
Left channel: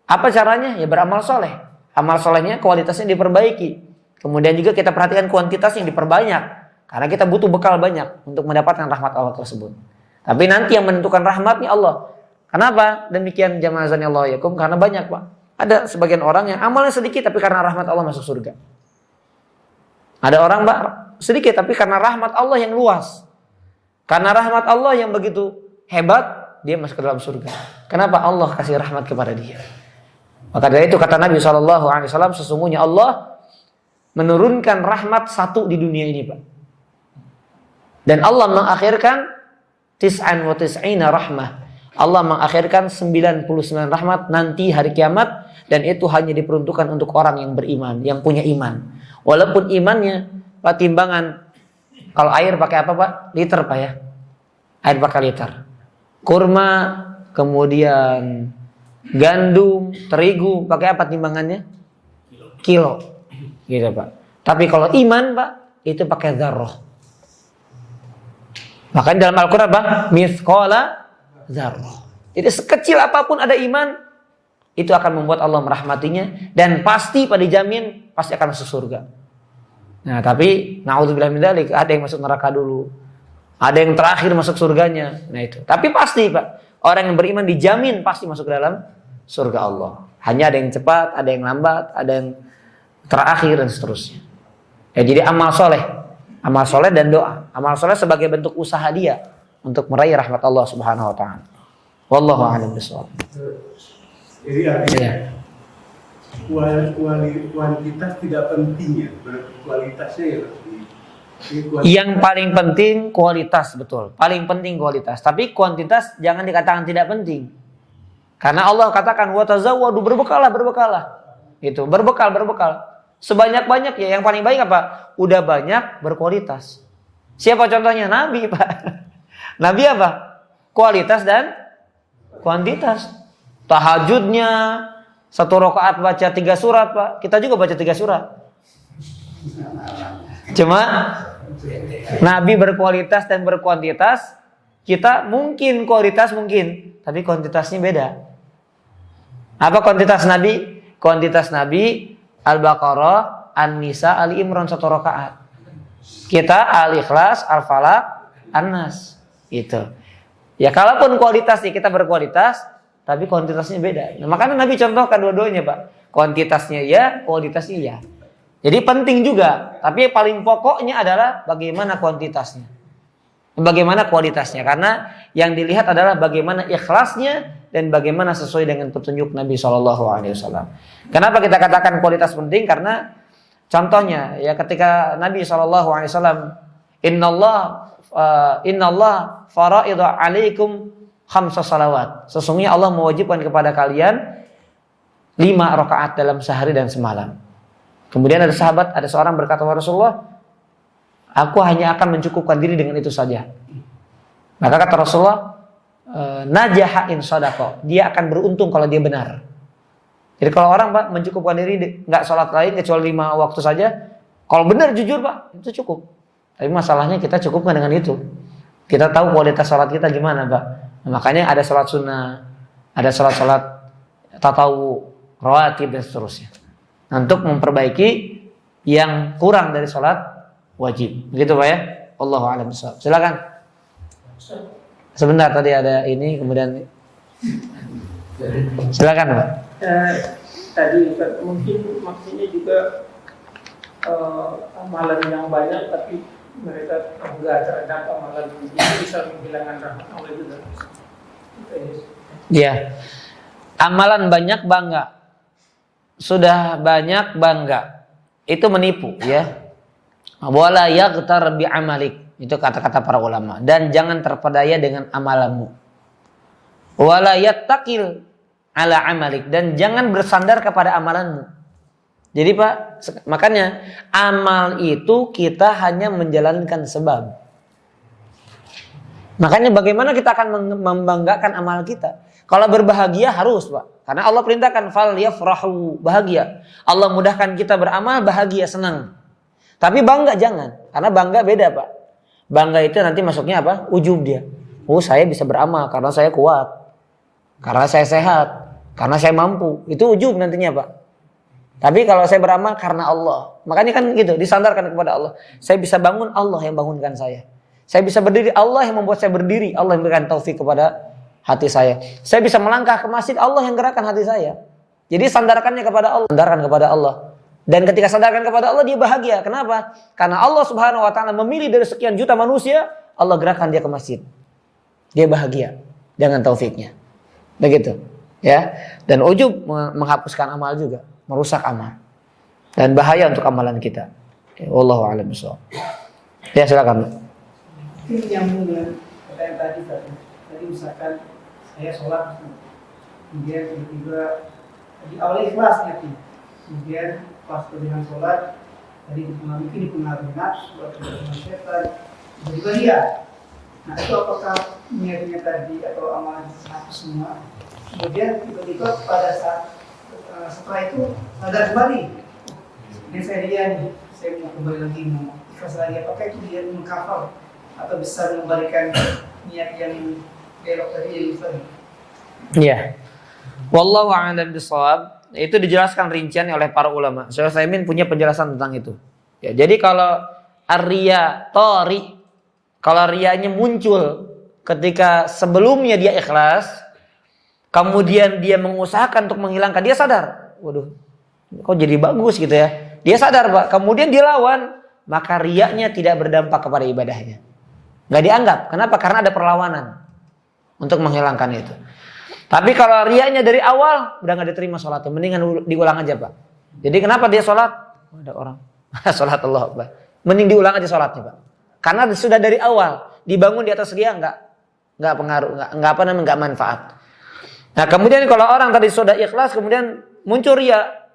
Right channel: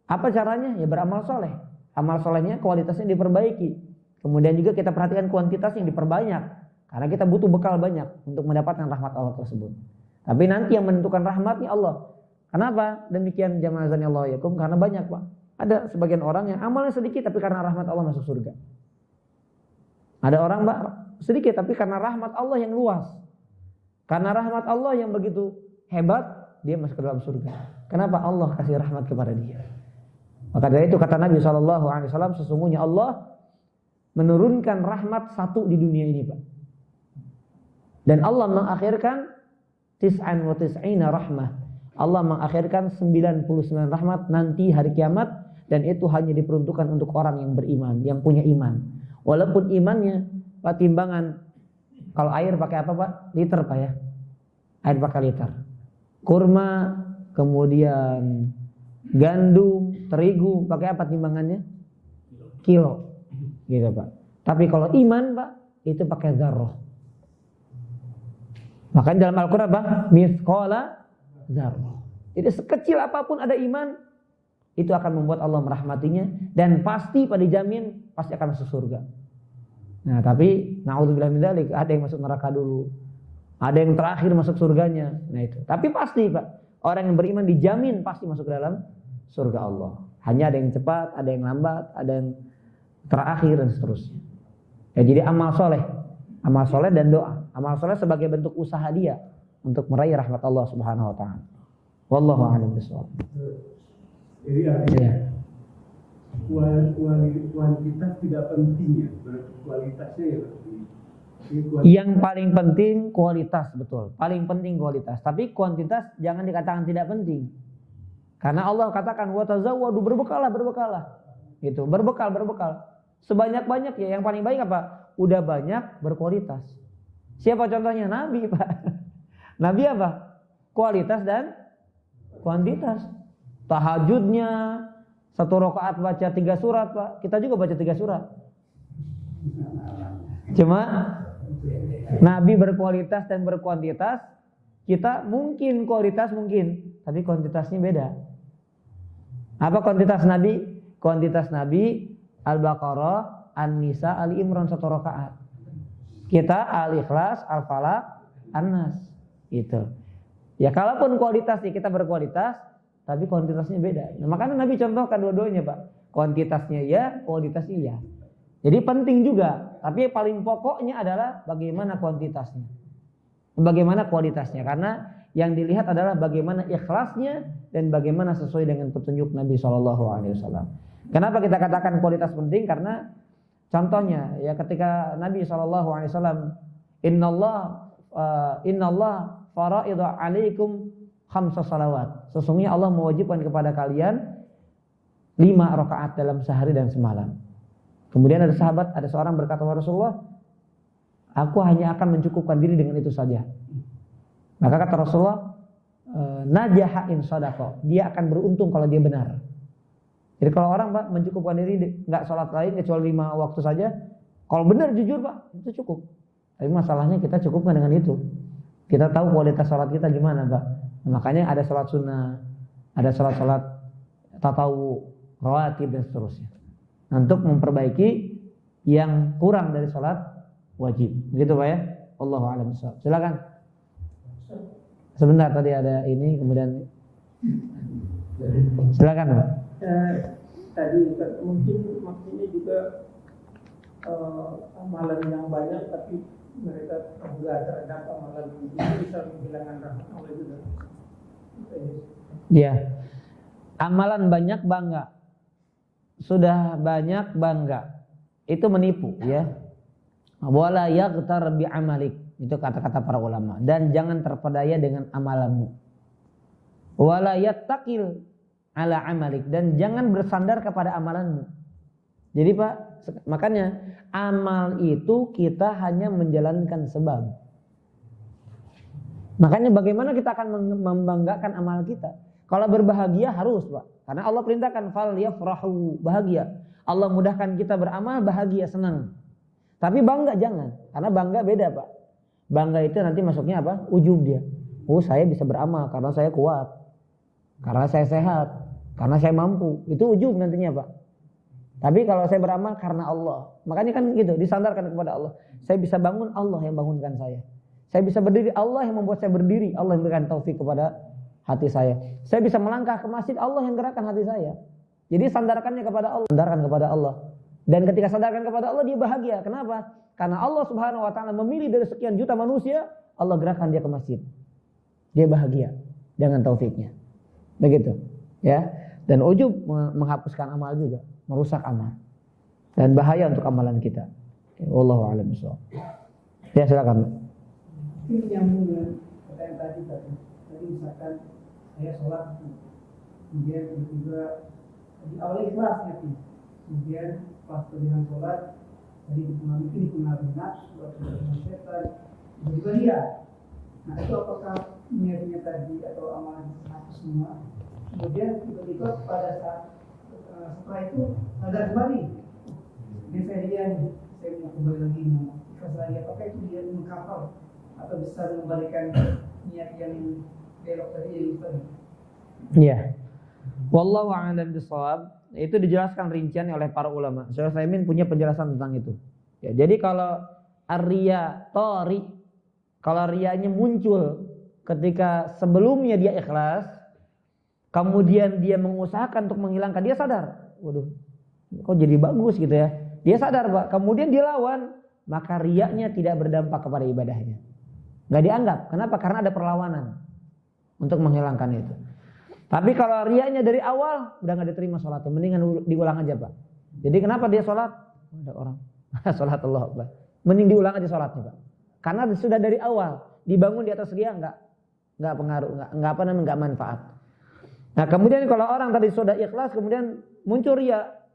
apa caranya? Ya beramal soleh. Amal solehnya kualitasnya diperbaiki. Kemudian juga kita perhatikan kuantitasnya diperbanyak. Karena kita butuh bekal banyak untuk mendapatkan rahmat Allah tersebut. Tapi nanti yang menentukan rahmatnya Allah. Kenapa? Demikian jamaah azanillahu yakum, karena banyak Pak. Ada sebagian orang yang amalnya sedikit tapi karena rahmat Allah masuk surga. Ada orang Pak sedikit tapi karena rahmat Allah yang luas. Karena rahmat Allah yang begitu hebat, dia masuk ke dalam surga. Kenapa? Allah kasih rahmat kepada dia. Maka dari itu kata Nabi SAW, sesungguhnya Allah menurunkan rahmat satu di dunia ini Pak. Dan Allah mengakhirkan 99 rahmah. Allah mengakhirkan 99 rahmat nanti hari kiamat. Dan itu hanya diperuntukkan untuk orang yang beriman, yang punya iman. Walaupun imannya Pak timbangan, kalau air pakai apa Pak? Liter Pak ya. Air pakai liter. Kurma, kemudian gandum, terigu, pakai apa timbangannya? Kilo. Gitu Pak. Tapi kalau iman Pak, itu pakai dzarrah. Makanya dalam Al-Quran apa? Mithqala dzarrah. Jadi sekecil apapun ada iman, itu akan membuat Allah merahmatinya dan pasti Pak dijamin pasti akan masuk surga. Nah, tapi naudzubillah min dzalik, ada yang masuk neraka dulu. Ada yang terakhir masuk surganya. Nah, itu. Tapi pasti Pak, orang yang beriman dijamin pasti masuk ke dalam surga Allah. Hanya ada yang cepat, ada yang lambat, ada yang terakhir dan seterusnya. Ya, jadi amal soleh dan doa. Amal soleh sebagai bentuk usaha dia untuk meraih rahmat Allah Subhanahu wa taala. Wallahu a'lam bishawab. Jadi artinya kualitas tidak penting ya, kualitasnya ya lebih. Yang paling penting kualitas, betul. Paling penting kualitas. Tapi kuantitas jangan dikatakan tidak penting. Karena Allah katakan wa tazawwadu, berbekalah. Itu, berbekal. Sebanyak-banyak ya, yang paling baik apa? Udah banyak berkualitas. Siapa contohnya? Nabi, Pak. Nabi apa? Kualitas dan kuantitas. Tahajudnya 1 rakaat baca 3 surat, Pak. Kita juga baca 3 surat. Cuma Nabi berkualitas dan berkuantitas. Kita mungkin kualitas mungkin, tapi kuantitasnya beda. Apa kuantitas Nabi? Kuantitas Nabi Al-Baqarah, An-Nisa, Ali Imran 1 rakaat. Kita Al-Ikhlas, Al-Falaq, An-Nas. Itu. Ya kalaupun kualitasnya kita berkualitas, tapi kuantitasnya beda. Nah, makanya Nabi contohkan dua-duanya, Pak. Kuantitasnya ya, kualitasnya ya. Jadi penting juga, tapi paling pokoknya adalah bagaimana kuantitasnya. Bagaimana kualitasnya, karena yang dilihat adalah bagaimana ikhlasnya dan bagaimana sesuai dengan petunjuk Nabi SAW. Kenapa kita katakan kualitas penting? Karena contohnya ya ketika Nabi SAW, Innallah fara'idha alaikum 5 salawat. Sesungguhnya Allah mewajibkan kepada kalian 5 rakaat dalam sehari dan semalam. Kemudian ada sahabat, ada seorang berkata, Rasulullah, aku hanya akan mencukupkan diri dengan itu saja. Maka kata Rasulullah, najaha in shadaqah. Dia akan beruntung kalau dia benar. Jadi kalau orang Pak mencukupkan diri nggak sholat lain kecuali 5 waktu saja, kalau benar jujur Pak itu cukup. Tapi masalahnya kita cukupkan dengan itu. Kita tahu kualitas sholat kita gimana Pak. Nah, makanya ada sholat sunnah, ada sholat tatawu, rawatib dan seterusnya. Untuk memperbaiki yang kurang dari sholat wajib. Begitu Pak ya. Wallahu a'lam bishawab. Silakan. Sebentar tadi ada ini kemudian silakan Pak. Tadi mungkin maksudnya juga amalan yang banyak tapi mereka enggak terhadap amalan itu bisa menghilangkan rahmat Allah juga. Ya. Amalan banyak bangga. Sudah banyak bangga. Itu menipu ya. Wala yaghtar bi amalik. Itu kata-kata para ulama. Dan jangan terpedaya dengan amalanmu. Wala yattaqil ala amalik. Dan jangan bersandar kepada amalanmu. Jadi Pak, makanya amal itu kita hanya menjalankan sebab. Makanya bagaimana kita akan membanggakan amal kita? Kalau berbahagia harus Pak. Karena Allah perintahkan fal yafrahu, bahagia. Allah mudahkan kita beramal, bahagia, senang. Tapi bangga jangan. Karena bangga beda Pak. Bangga itu nanti masuknya apa? Ujub dia. Oh saya bisa beramal karena saya kuat. Karena saya sehat. Karena saya mampu. Itu ujub nantinya Pak. Tapi kalau saya beramal karena Allah. Makanya kan gitu, disandarkan kepada Allah. Saya bisa bangun, Allah yang bangunkan saya. Saya bisa berdiri, Allah yang membuat saya berdiri. Allah yang memberikan taufik kepada hati saya. Saya bisa melangkah ke masjid, Allah yang gerakkan hati saya. Jadi sandarkannya kepada Allah. Sandarkan kepada Allah. Dan ketika sandarkan kepada Allah, dia bahagia. Kenapa? Karena Allah Subhanahu wa taala memilih dari sekian juta manusia, Allah gerakkan dia ke masjid. Dia bahagia dengan taufiknya. Begitu. Ya. Dan ujub menghapuskan amal juga, merusak amal. Dan bahaya untuk amalan kita. Wallahu a'lam bishawab. Ya, silakan. Mungkin yang mulia pertanyaan tadi misalkan saya sholat, kemudian tiba-tiba di awal ikhlasnya, kemudian pas dengan sholat tadi dipengaruhi nafsu atau dengan setan, tiba-tiba dia. Nah itu apakah niatnya tadi atau amalan hapus semua kemudian tiba-tiba pada saat setelah itu sadar kembali, ini saya ria nih, saya mau kembali lagi mau ikhlas lagi, apakah itu dia mengkafar atau bisa mengembalikan niat yang belok tadi yang Ustaz? Iya. Wallahu a'lam bishawab. Itu dijelaskan rinciannya oleh para ulama. Syekh Utsaimin punya penjelasan tentang itu. Ya, jadi kalau ar-riya tori, kalau riyanya muncul ketika sebelumnya dia ikhlas, kemudian dia mengusahakan untuk menghilangkan, dia sadar, waduh, kok jadi bagus gitu ya. Dia sadar, Pak. Kemudian dia lawan, maka riyanya tidak berdampak kepada ibadahnya. Nggak dianggap. Kenapa? Karena ada perlawanan untuk menghilangkan itu. Tapi kalau riyanya dari awal udah nggak diterima sholatnya, mendingan diulang aja, Pak. Jadi kenapa dia sholat? Ada orang sholat Allah, Pak. Mending diulang aja sholatnya, Pak. Karena sudah dari awal dibangun di atas riya, nggak pengaruh, nggak manfaat. Nah kemudian kalau orang tadi sudah ikhlas kemudian muncul riya,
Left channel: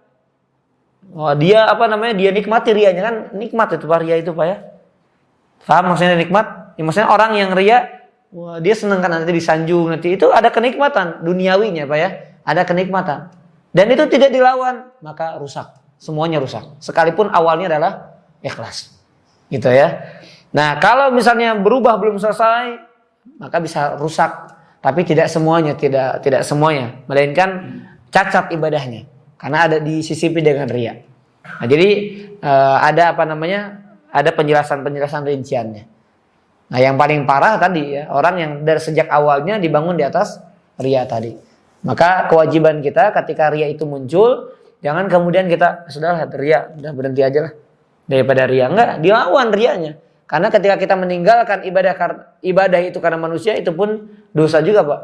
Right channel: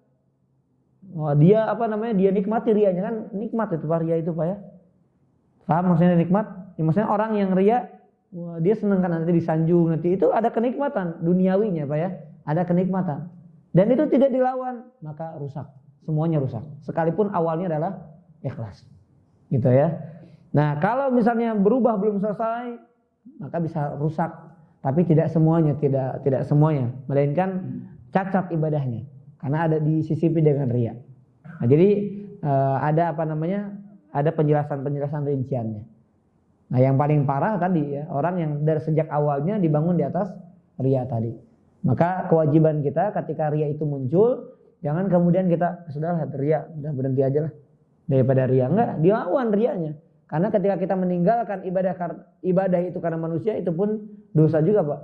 dia dia nikmati riyanya, kan nikmat itu Pak, riya itu Pak ya. Paham maksudnya nikmat? Ya, maksudnya orang yang riya, dia senang kan nanti disanjung, nanti itu ada kenikmatan duniawinya Pak ya, ada kenikmatan. Dan itu tidak dilawan, maka rusak, semuanya rusak. Sekalipun awalnya adalah ikhlas, gitu ya. Nah kalau misalnya berubah belum selesai, maka bisa rusak. Tapi tidak semuanya, tidak semuanya, melainkan cacat ibadahnya karena ada disisipi dengan riya. Nah, jadi ada ada penjelasan rinciannya. Nah, yang paling parah tadi ya, orang yang dari sejak awalnya dibangun di atas riya tadi. Maka kewajiban kita ketika riya itu muncul, jangan kemudian kita sudahlah riya, udah berhenti aja lah daripada riya. Enggak, dilawan riyanya. Karena ketika kita meninggalkan ibadah itu karena manusia, itu pun dosa juga Pak.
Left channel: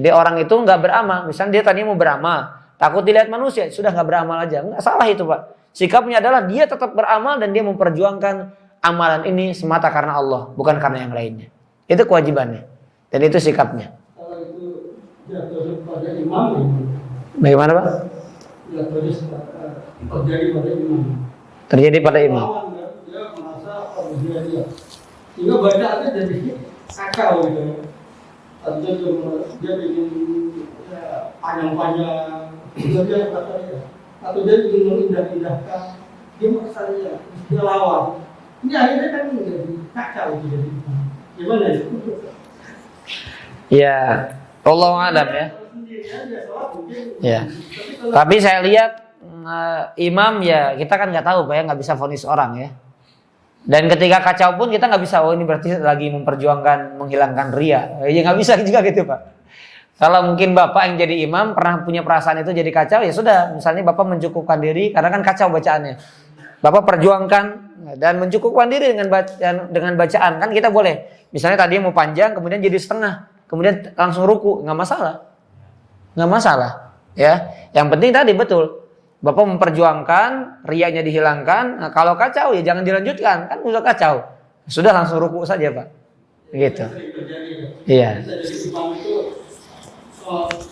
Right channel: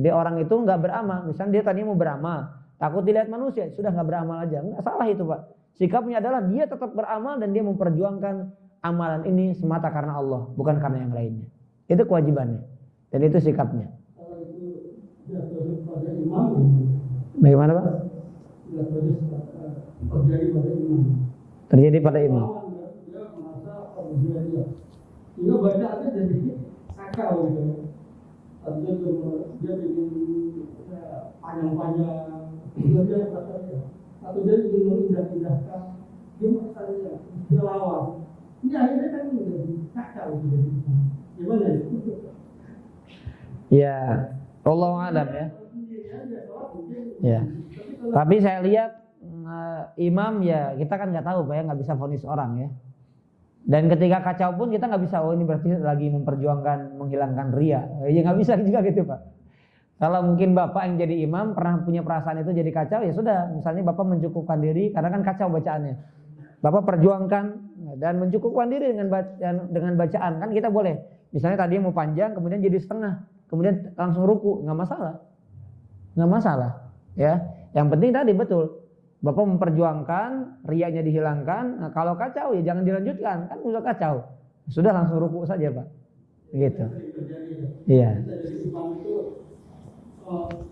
Jadi orang itu nggak beramal. Misalnya dia tadi mau beramal, takut dilihat manusia, sudah nggak beramal aja. Nggak salah itu Pak. Sikapnya adalah dia tetap beramal dan dia memperjuangkan amalan ini semata karena Allah, bukan karena yang lainnya. Itu kewajibannya. Dan itu sikapnya. Kalau itu jatuh pada imam, Bagaimana Pak? jatuh terjadi pada imam. Terjadi pada imam. Dia merasa dia. Sehingga bacaannya jadi sakau gitu. Atau dia bikin panjang-panjang, dia kata dia. Atau dia ingin mengindah-indahkan, dia merasa dia lawan. Ini akhirnya kan menjadi kacau gitu. Gimana itu? Ya, Allahu a'lam ya. Ya. Tapi saya lihat imam ya, kita kan nggak tahu Pak ya, nggak bisa vonis orang ya. Dan ketika kacau pun kita nggak bisa, oh ini berarti lagi memperjuangkan menghilangkan riya. Ya nggak bisa juga gitu Pak. Kalau mungkin Bapak yang jadi imam pernah punya perasaan itu jadi kacau, ya sudah. Misalnya Bapak mencukupkan diri karena kan kacau bacaannya. Bapak perjuangkan dan mencukupkan diri dengan bacaan, kan kita boleh. Misalnya tadi mau panjang, kemudian jadi setengah, kemudian langsung ruku, nggak masalah, ya. Yang penting tadi betul, Bapak memperjuangkan, riyanya dihilangkan. Nah, kalau kacau ya jangan dilanjutkan, kan udah kacau, sudah langsung ruku saja Pak, gitu. Iya.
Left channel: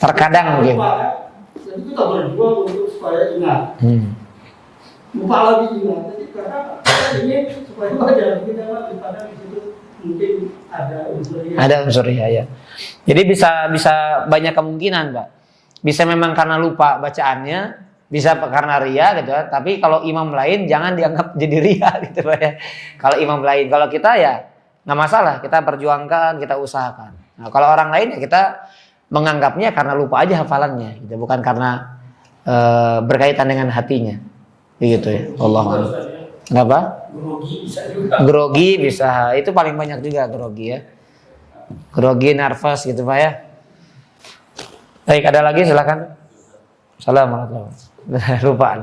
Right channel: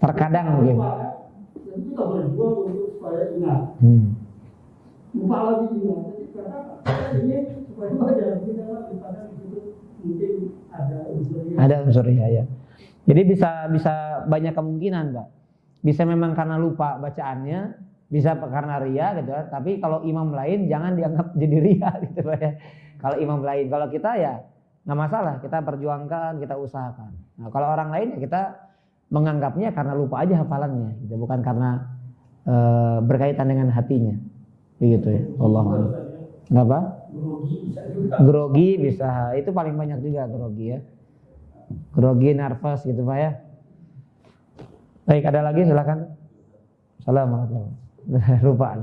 Terkadang gitu. Jadi kita berjuang untuk supaya ingat. Lupa lagi ingat. Jadi karena ini supaya jangan kita daripada di situ mungkin ada unsurnya. Ada unsurnya ya. Jadi bisa banyak kemungkinan Pak. Bisa memang karena lupa bacaannya, bisa karena riya gitu ya. Tapi kalau imam lain jangan dianggap jadi riya gitu Pak ya. Kalau imam lain, kalau kita ya nggak masalah, kita perjuangkan, kita usahakan. Nah, kalau orang lain ya kita menganggapnya karena lupa aja hafalannya, gitu. Bukan karena berkaitan dengan hatinya, begitu ya. Allah. Kenapa? Grogi bisa, itu paling banyak juga grogi ya. Grogi, nervous gitu Pak ya. Baik, ada lagi silakan. Assalamualaikum. Lupa.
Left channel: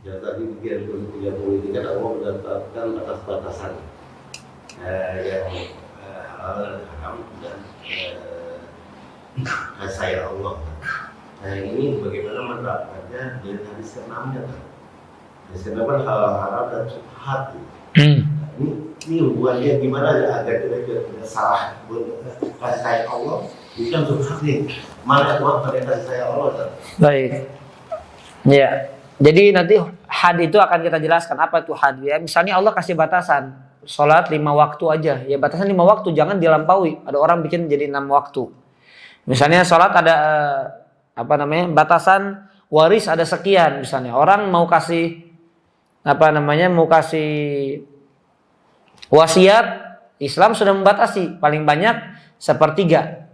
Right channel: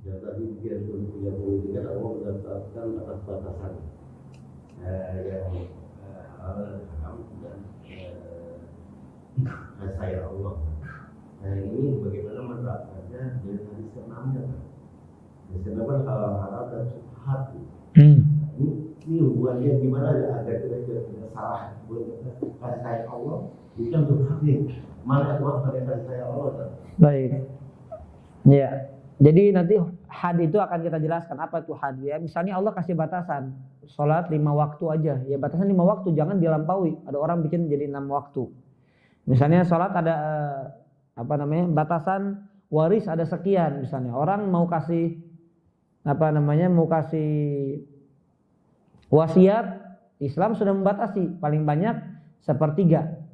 Ya tadi bagian punya politik kan Allah menetapkan batas-batasan yang halal haram dan saya Allah. Nah ini bagaimana menerapkannya dari hadis ke-6-nya kan? Hadis ke-6 kan halal haram dan subhat. Ini hubungannya gimana agar kita tidak salah kasih sayang Allah? Itu kan subhat nih. Mana Tuhan pada kasih sayang Allah? Baik. Ya. Jadi nanti had itu akan kita jelaskan apa itu had ya. Misalnya Allah kasih batasan sholat 5 waktu aja. Ya batasan 5 waktu, jangan dilampaui. Ada orang bikin jadi 6 waktu. Misalnya sholat ada batasan waris ada sekian misalnya. Orang mau kasih wasiat, Islam sudah membatasi paling banyak 1/3.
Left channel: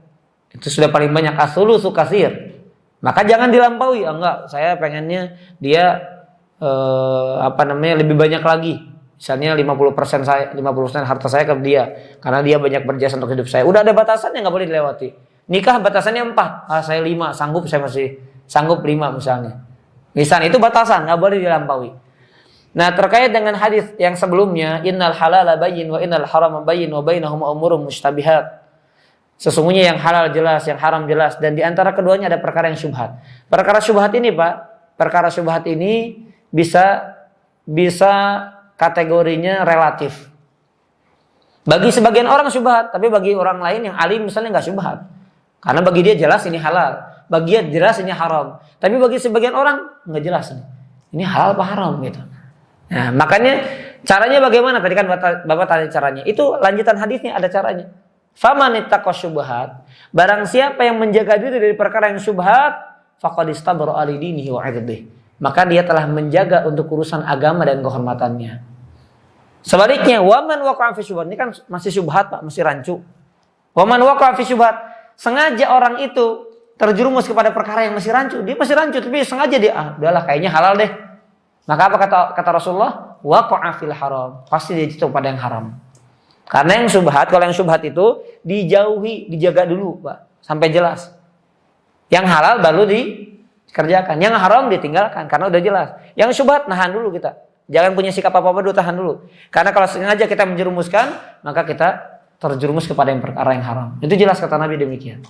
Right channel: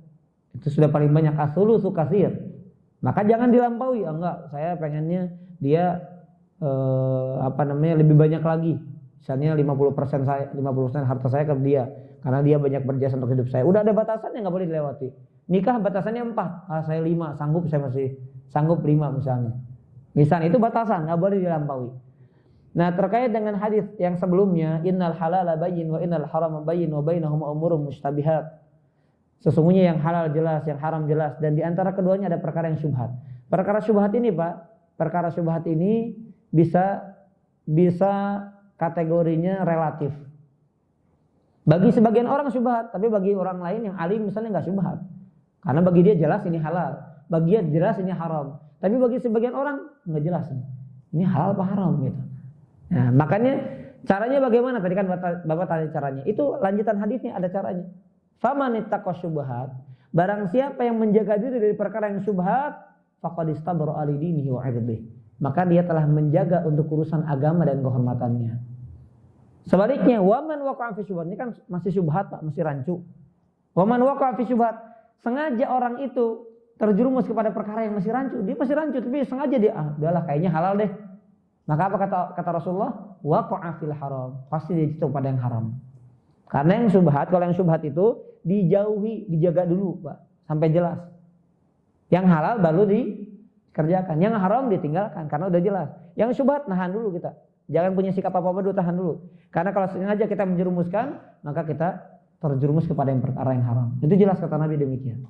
Itu sudah paling banyak. As-sulusu katsir. Maka jangan dilampaui. Enggak, saya pengennya dia lebih banyak lagi. Misalnya 50% harta saya ke dia karena dia banyak berjasa untuk hidup saya. Udah ada batasannya, enggak boleh dilewati. Nikah batasannya 4. Saya 5, sanggup, saya masih sanggup 5 misalnya. Misalnya itu batasan, enggak boleh dilampaui. Nah, terkait dengan hadis yang sebelumnya, innal halala bayyin wa innal harama bayyin wa bainahuma umurun mushtabihat. Sesungguhnya yang halal jelas, yang haram jelas, dan di antara keduanya ada perkara yang syubhat. Perkara syubhat ini, Pak, perkara syubhat ini bisa kategorinya relatif. Bagi sebagian orang syubhat, tapi bagi orang lain yang alim misalnya enggak syubhat. Karena bagi dia jelas ini halal, bagi dia jelas ini haram. Tapi bagi sebagian orang enggak jelas ini halal apa haram gitu. Nah, makanya caranya bagaimana? Tadi kan Bapak tanya caranya. Itu lanjutan hadisnya ada caranya. Faman ittaqa syubhat, barang siapa yang menjaga diri dari perkara yang syubhat, faqad istabra ali dinihi wa 'irdihi. Maka dia telah menjaga untuk urusan agama dan kehormatannya. Sebaliknya, waman waqa'a fi syubhat, ini kan masih syubhat, Pak, masih rancu. Waman waqa'a fi syubhat, sengaja orang itu terjerumus kepada perkara yang masih rancu. Dia masih rancu tapi sengaja dia udahlah kayaknya halal deh. Maka apa kata Rasulullah? Waqa'a fil haram. Pasti dia jatuh pada yang haram. Karena yang syubhat, kalau yang syubhat itu dijauhi, dijaga dulu, Pak, sampai jelas. Yang halal baru dikerjakan, yang haram ditinggalkan karena udah jelas. Yang syubhat nahan dulu kita. Jangan punya sikap apa-apa dulu, tahan dulu. Karena kalau sengaja kita menjerumuskan, maka kita terjerumus kepada yang perkara yang haram. Itu jelas kata Nabi demikian.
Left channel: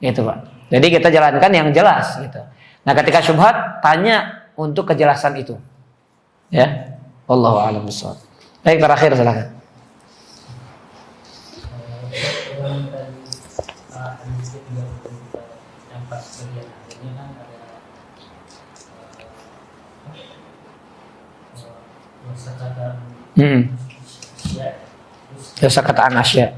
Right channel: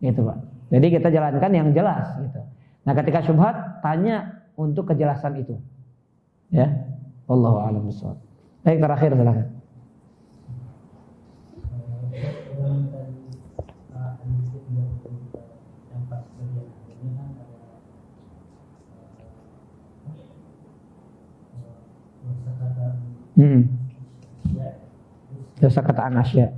Gitu, Pak. Jadi kita jalankan yang jelas gitu. Nah, ketika syubhat, tanya untuk kejelasan itu. Ya. Wallahu a'lam bishawab. Baik, terakhir silakan. Yang pas bagian akhirnya kan ada kosakata Kosakataan asya.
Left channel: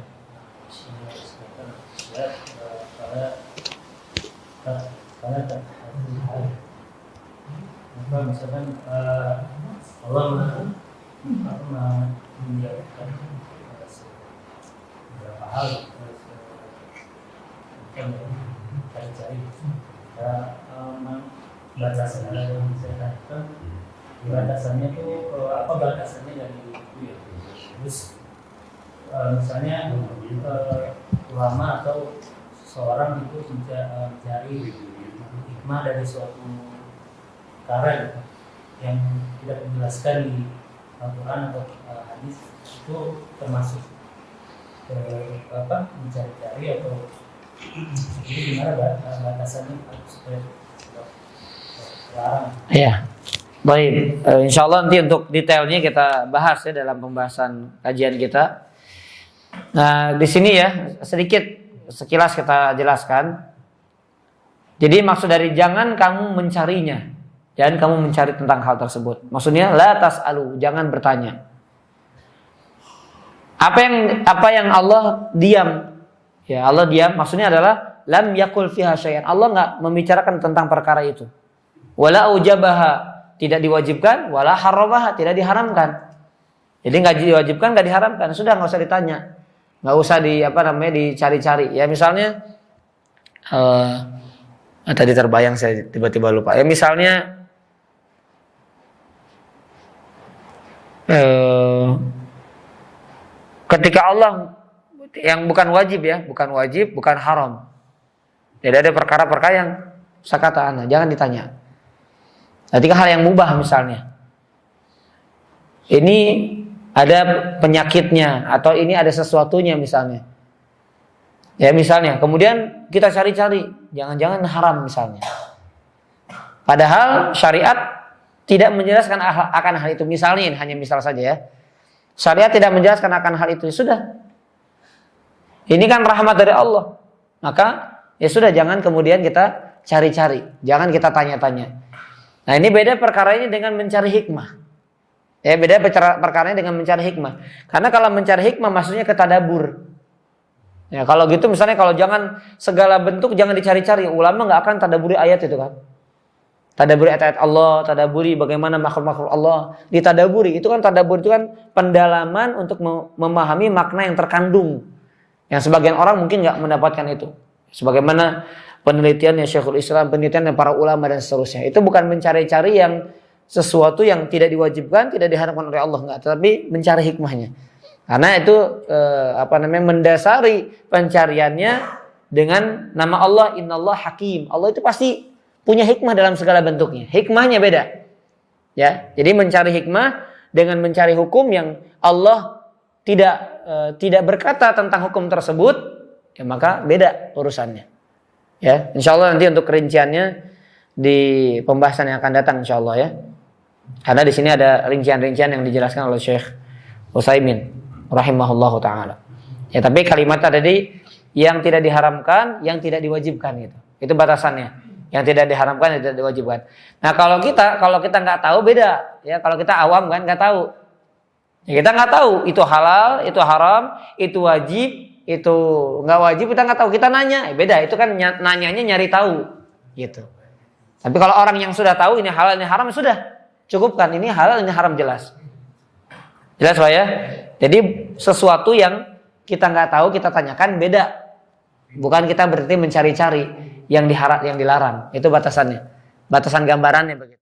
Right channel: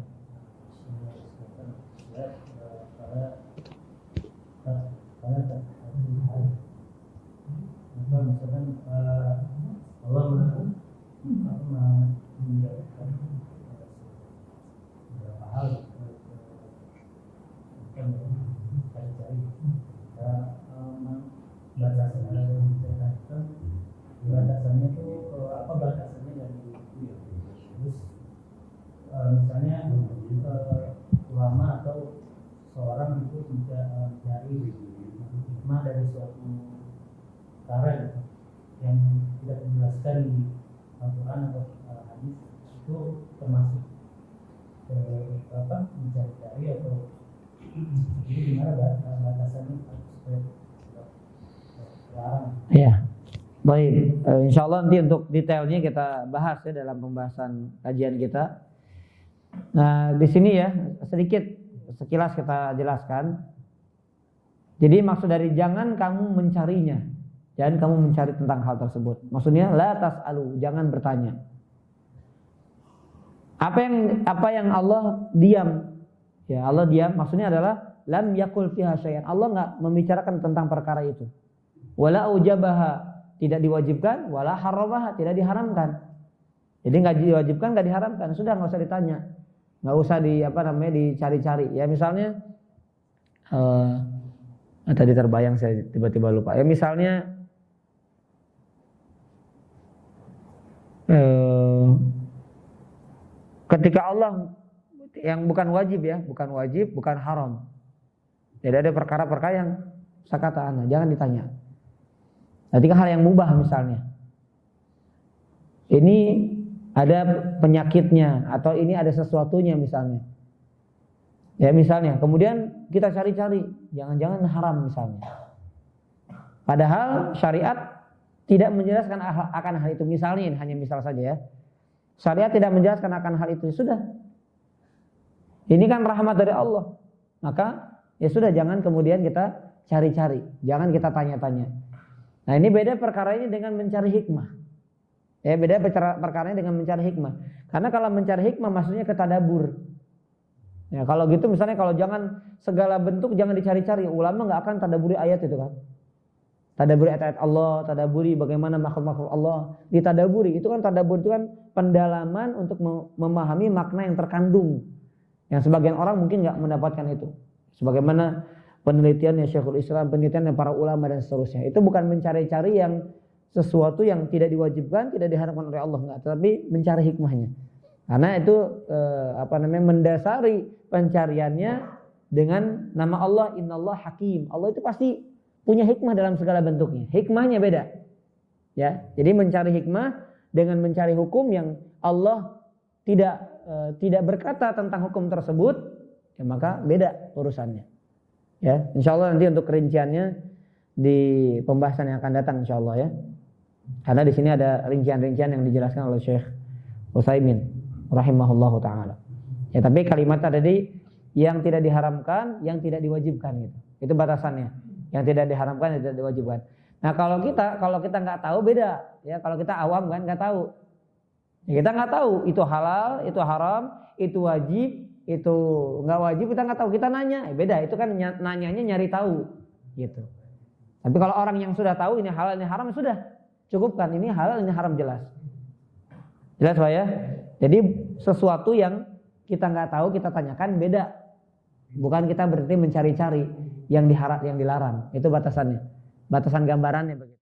Misalkan Allah menjauhkan beberapa hal yang cari-cari batasan yang saya katakan batasannya itu apa batasannya dari itu ya. Terus misalnya ulama atau seorang itu mencari hikmah dari suatu perkara yang tidak dijelaskan di Al-Quran atau hadis, itu termasuk mencari-cari atau jadi gimana batasannya supaya larang? Ya, baik. Insya Allah nanti untuk detailnya kita bahas ya dalam pembahasan kajian kita. Nah, di sini ya sedikit sekilas kita jelaskan. Jadi maksud dari jangan kamu mencarinya, jangan kamu mencari tentang hal tersebut. Maksudnya la tas'alu, jangan bertanya. Apa yang Allah diam, ya Allah diam. Maksudnya adalah lam yakul fiha syai'an. Allah nggak membicarakan tentang perkara itu. Wala ujabaha, tidak diwajibkan. Wala haramaha, tidak diharamkan. Jadi nggak diwajibkan, nggak diharamkan. Sudah nggak usah ditanya, nggak usah dicari-cari. Ya misalnya, tadi terbayang saya tiba-tiba lupa. Ya misalnya, ketika Allah yang bukan wajib ya, bukan wajib, bukan haram. Jadi ada perkara-perkara yang sakata jangan ditanya. Ketika hal yang mubah misalnya, ini ada penyakitnya atau ini ada sesuatunya misalnya. Ya misalnya, kemudian kita cari-cari, jangan-jangan haram misalnya. Padahal syariat tidak menjelaskan akan hal itu. Misalnya, ini hanya misal saja ya. Syariat tidak menjelaskan akan hal itu. Sudah. Ini kan rahmat dari Allah. Maka ya sudah, jangan kemudian kita cari-cari. Jangan kita tanya-tanya. Nah ini beda perkara ini dengan mencari hikmah. Ya beda perkara ini dengan mencari hikmah. Karena kalau mencari hikmah maksudnya ketadabur. Ya, kalau gitu misalnya kalau jangan segala bentuk jangan dicari-cari. Ulama nggak akan tadaburi ayat itu kan. Tadaburi ayat-ayat Allah, tadaburi bagaimana makhluk-makhluk Allah, ditadaburi. Itu kan tadabur itu kan pendalaman untuk memahami makna yang terkandung. Yang sebagian orang mungkin nggak mendapatkan itu. Sebagaimana penelitiannya Syekhul Islam, penelitiannya para ulama dan seterusnya. Itu bukan mencari-cari yang sesuatu yang tidak diwajibkan, tidak diharapkan oleh Allah, enggak, tetapi mencari hikmahnya. Karena itu mendasari pencariannya dengan nama Allah, Innallah Hakim. Allah itu pasti punya hikmah dalam segala bentuknya. Hikmahnya beda. Ya, jadi mencari hikmah dengan mencari hukum yang Allah tidak berkata tentang hukum tersebut, ya maka beda urusannya. Ya, insyaallah nanti untuk rinciannya di pembahasan yang akan datang insyaallah ya. Karena di sini ada rincian-rincian yang dijelaskan oleh Syekh Utsaimin rahimahullahu taala. Ya, tapi kalimat tadi yang tidak diharamkan, yang tidak diwajibkan gitu. Itu batasannya. Yang tidak diharamkan, yang tidak diwajibkan. Nah, kalau kita nggak tahu beda. Ya, kalau kita awam kan nggak tahu. Ya, kita nggak tahu itu halal, itu haram, itu wajib, itu nggak wajib, kita nggak tahu. Kita nanya, beda. Itu kan nanyanya nyari tahu, gitu. Tapi kalau orang yang sudah tahu ini halal, ini haram, sudah cukupkan. Ini halal, ini haram jelas. Jelas Pak ya? Jadi sesuatu yang kita nggak tahu kita tanyakan beda. Bukan kita berarti mencari-cari yang dilarang. Itu batasannya. Batasan gambarannya begitu.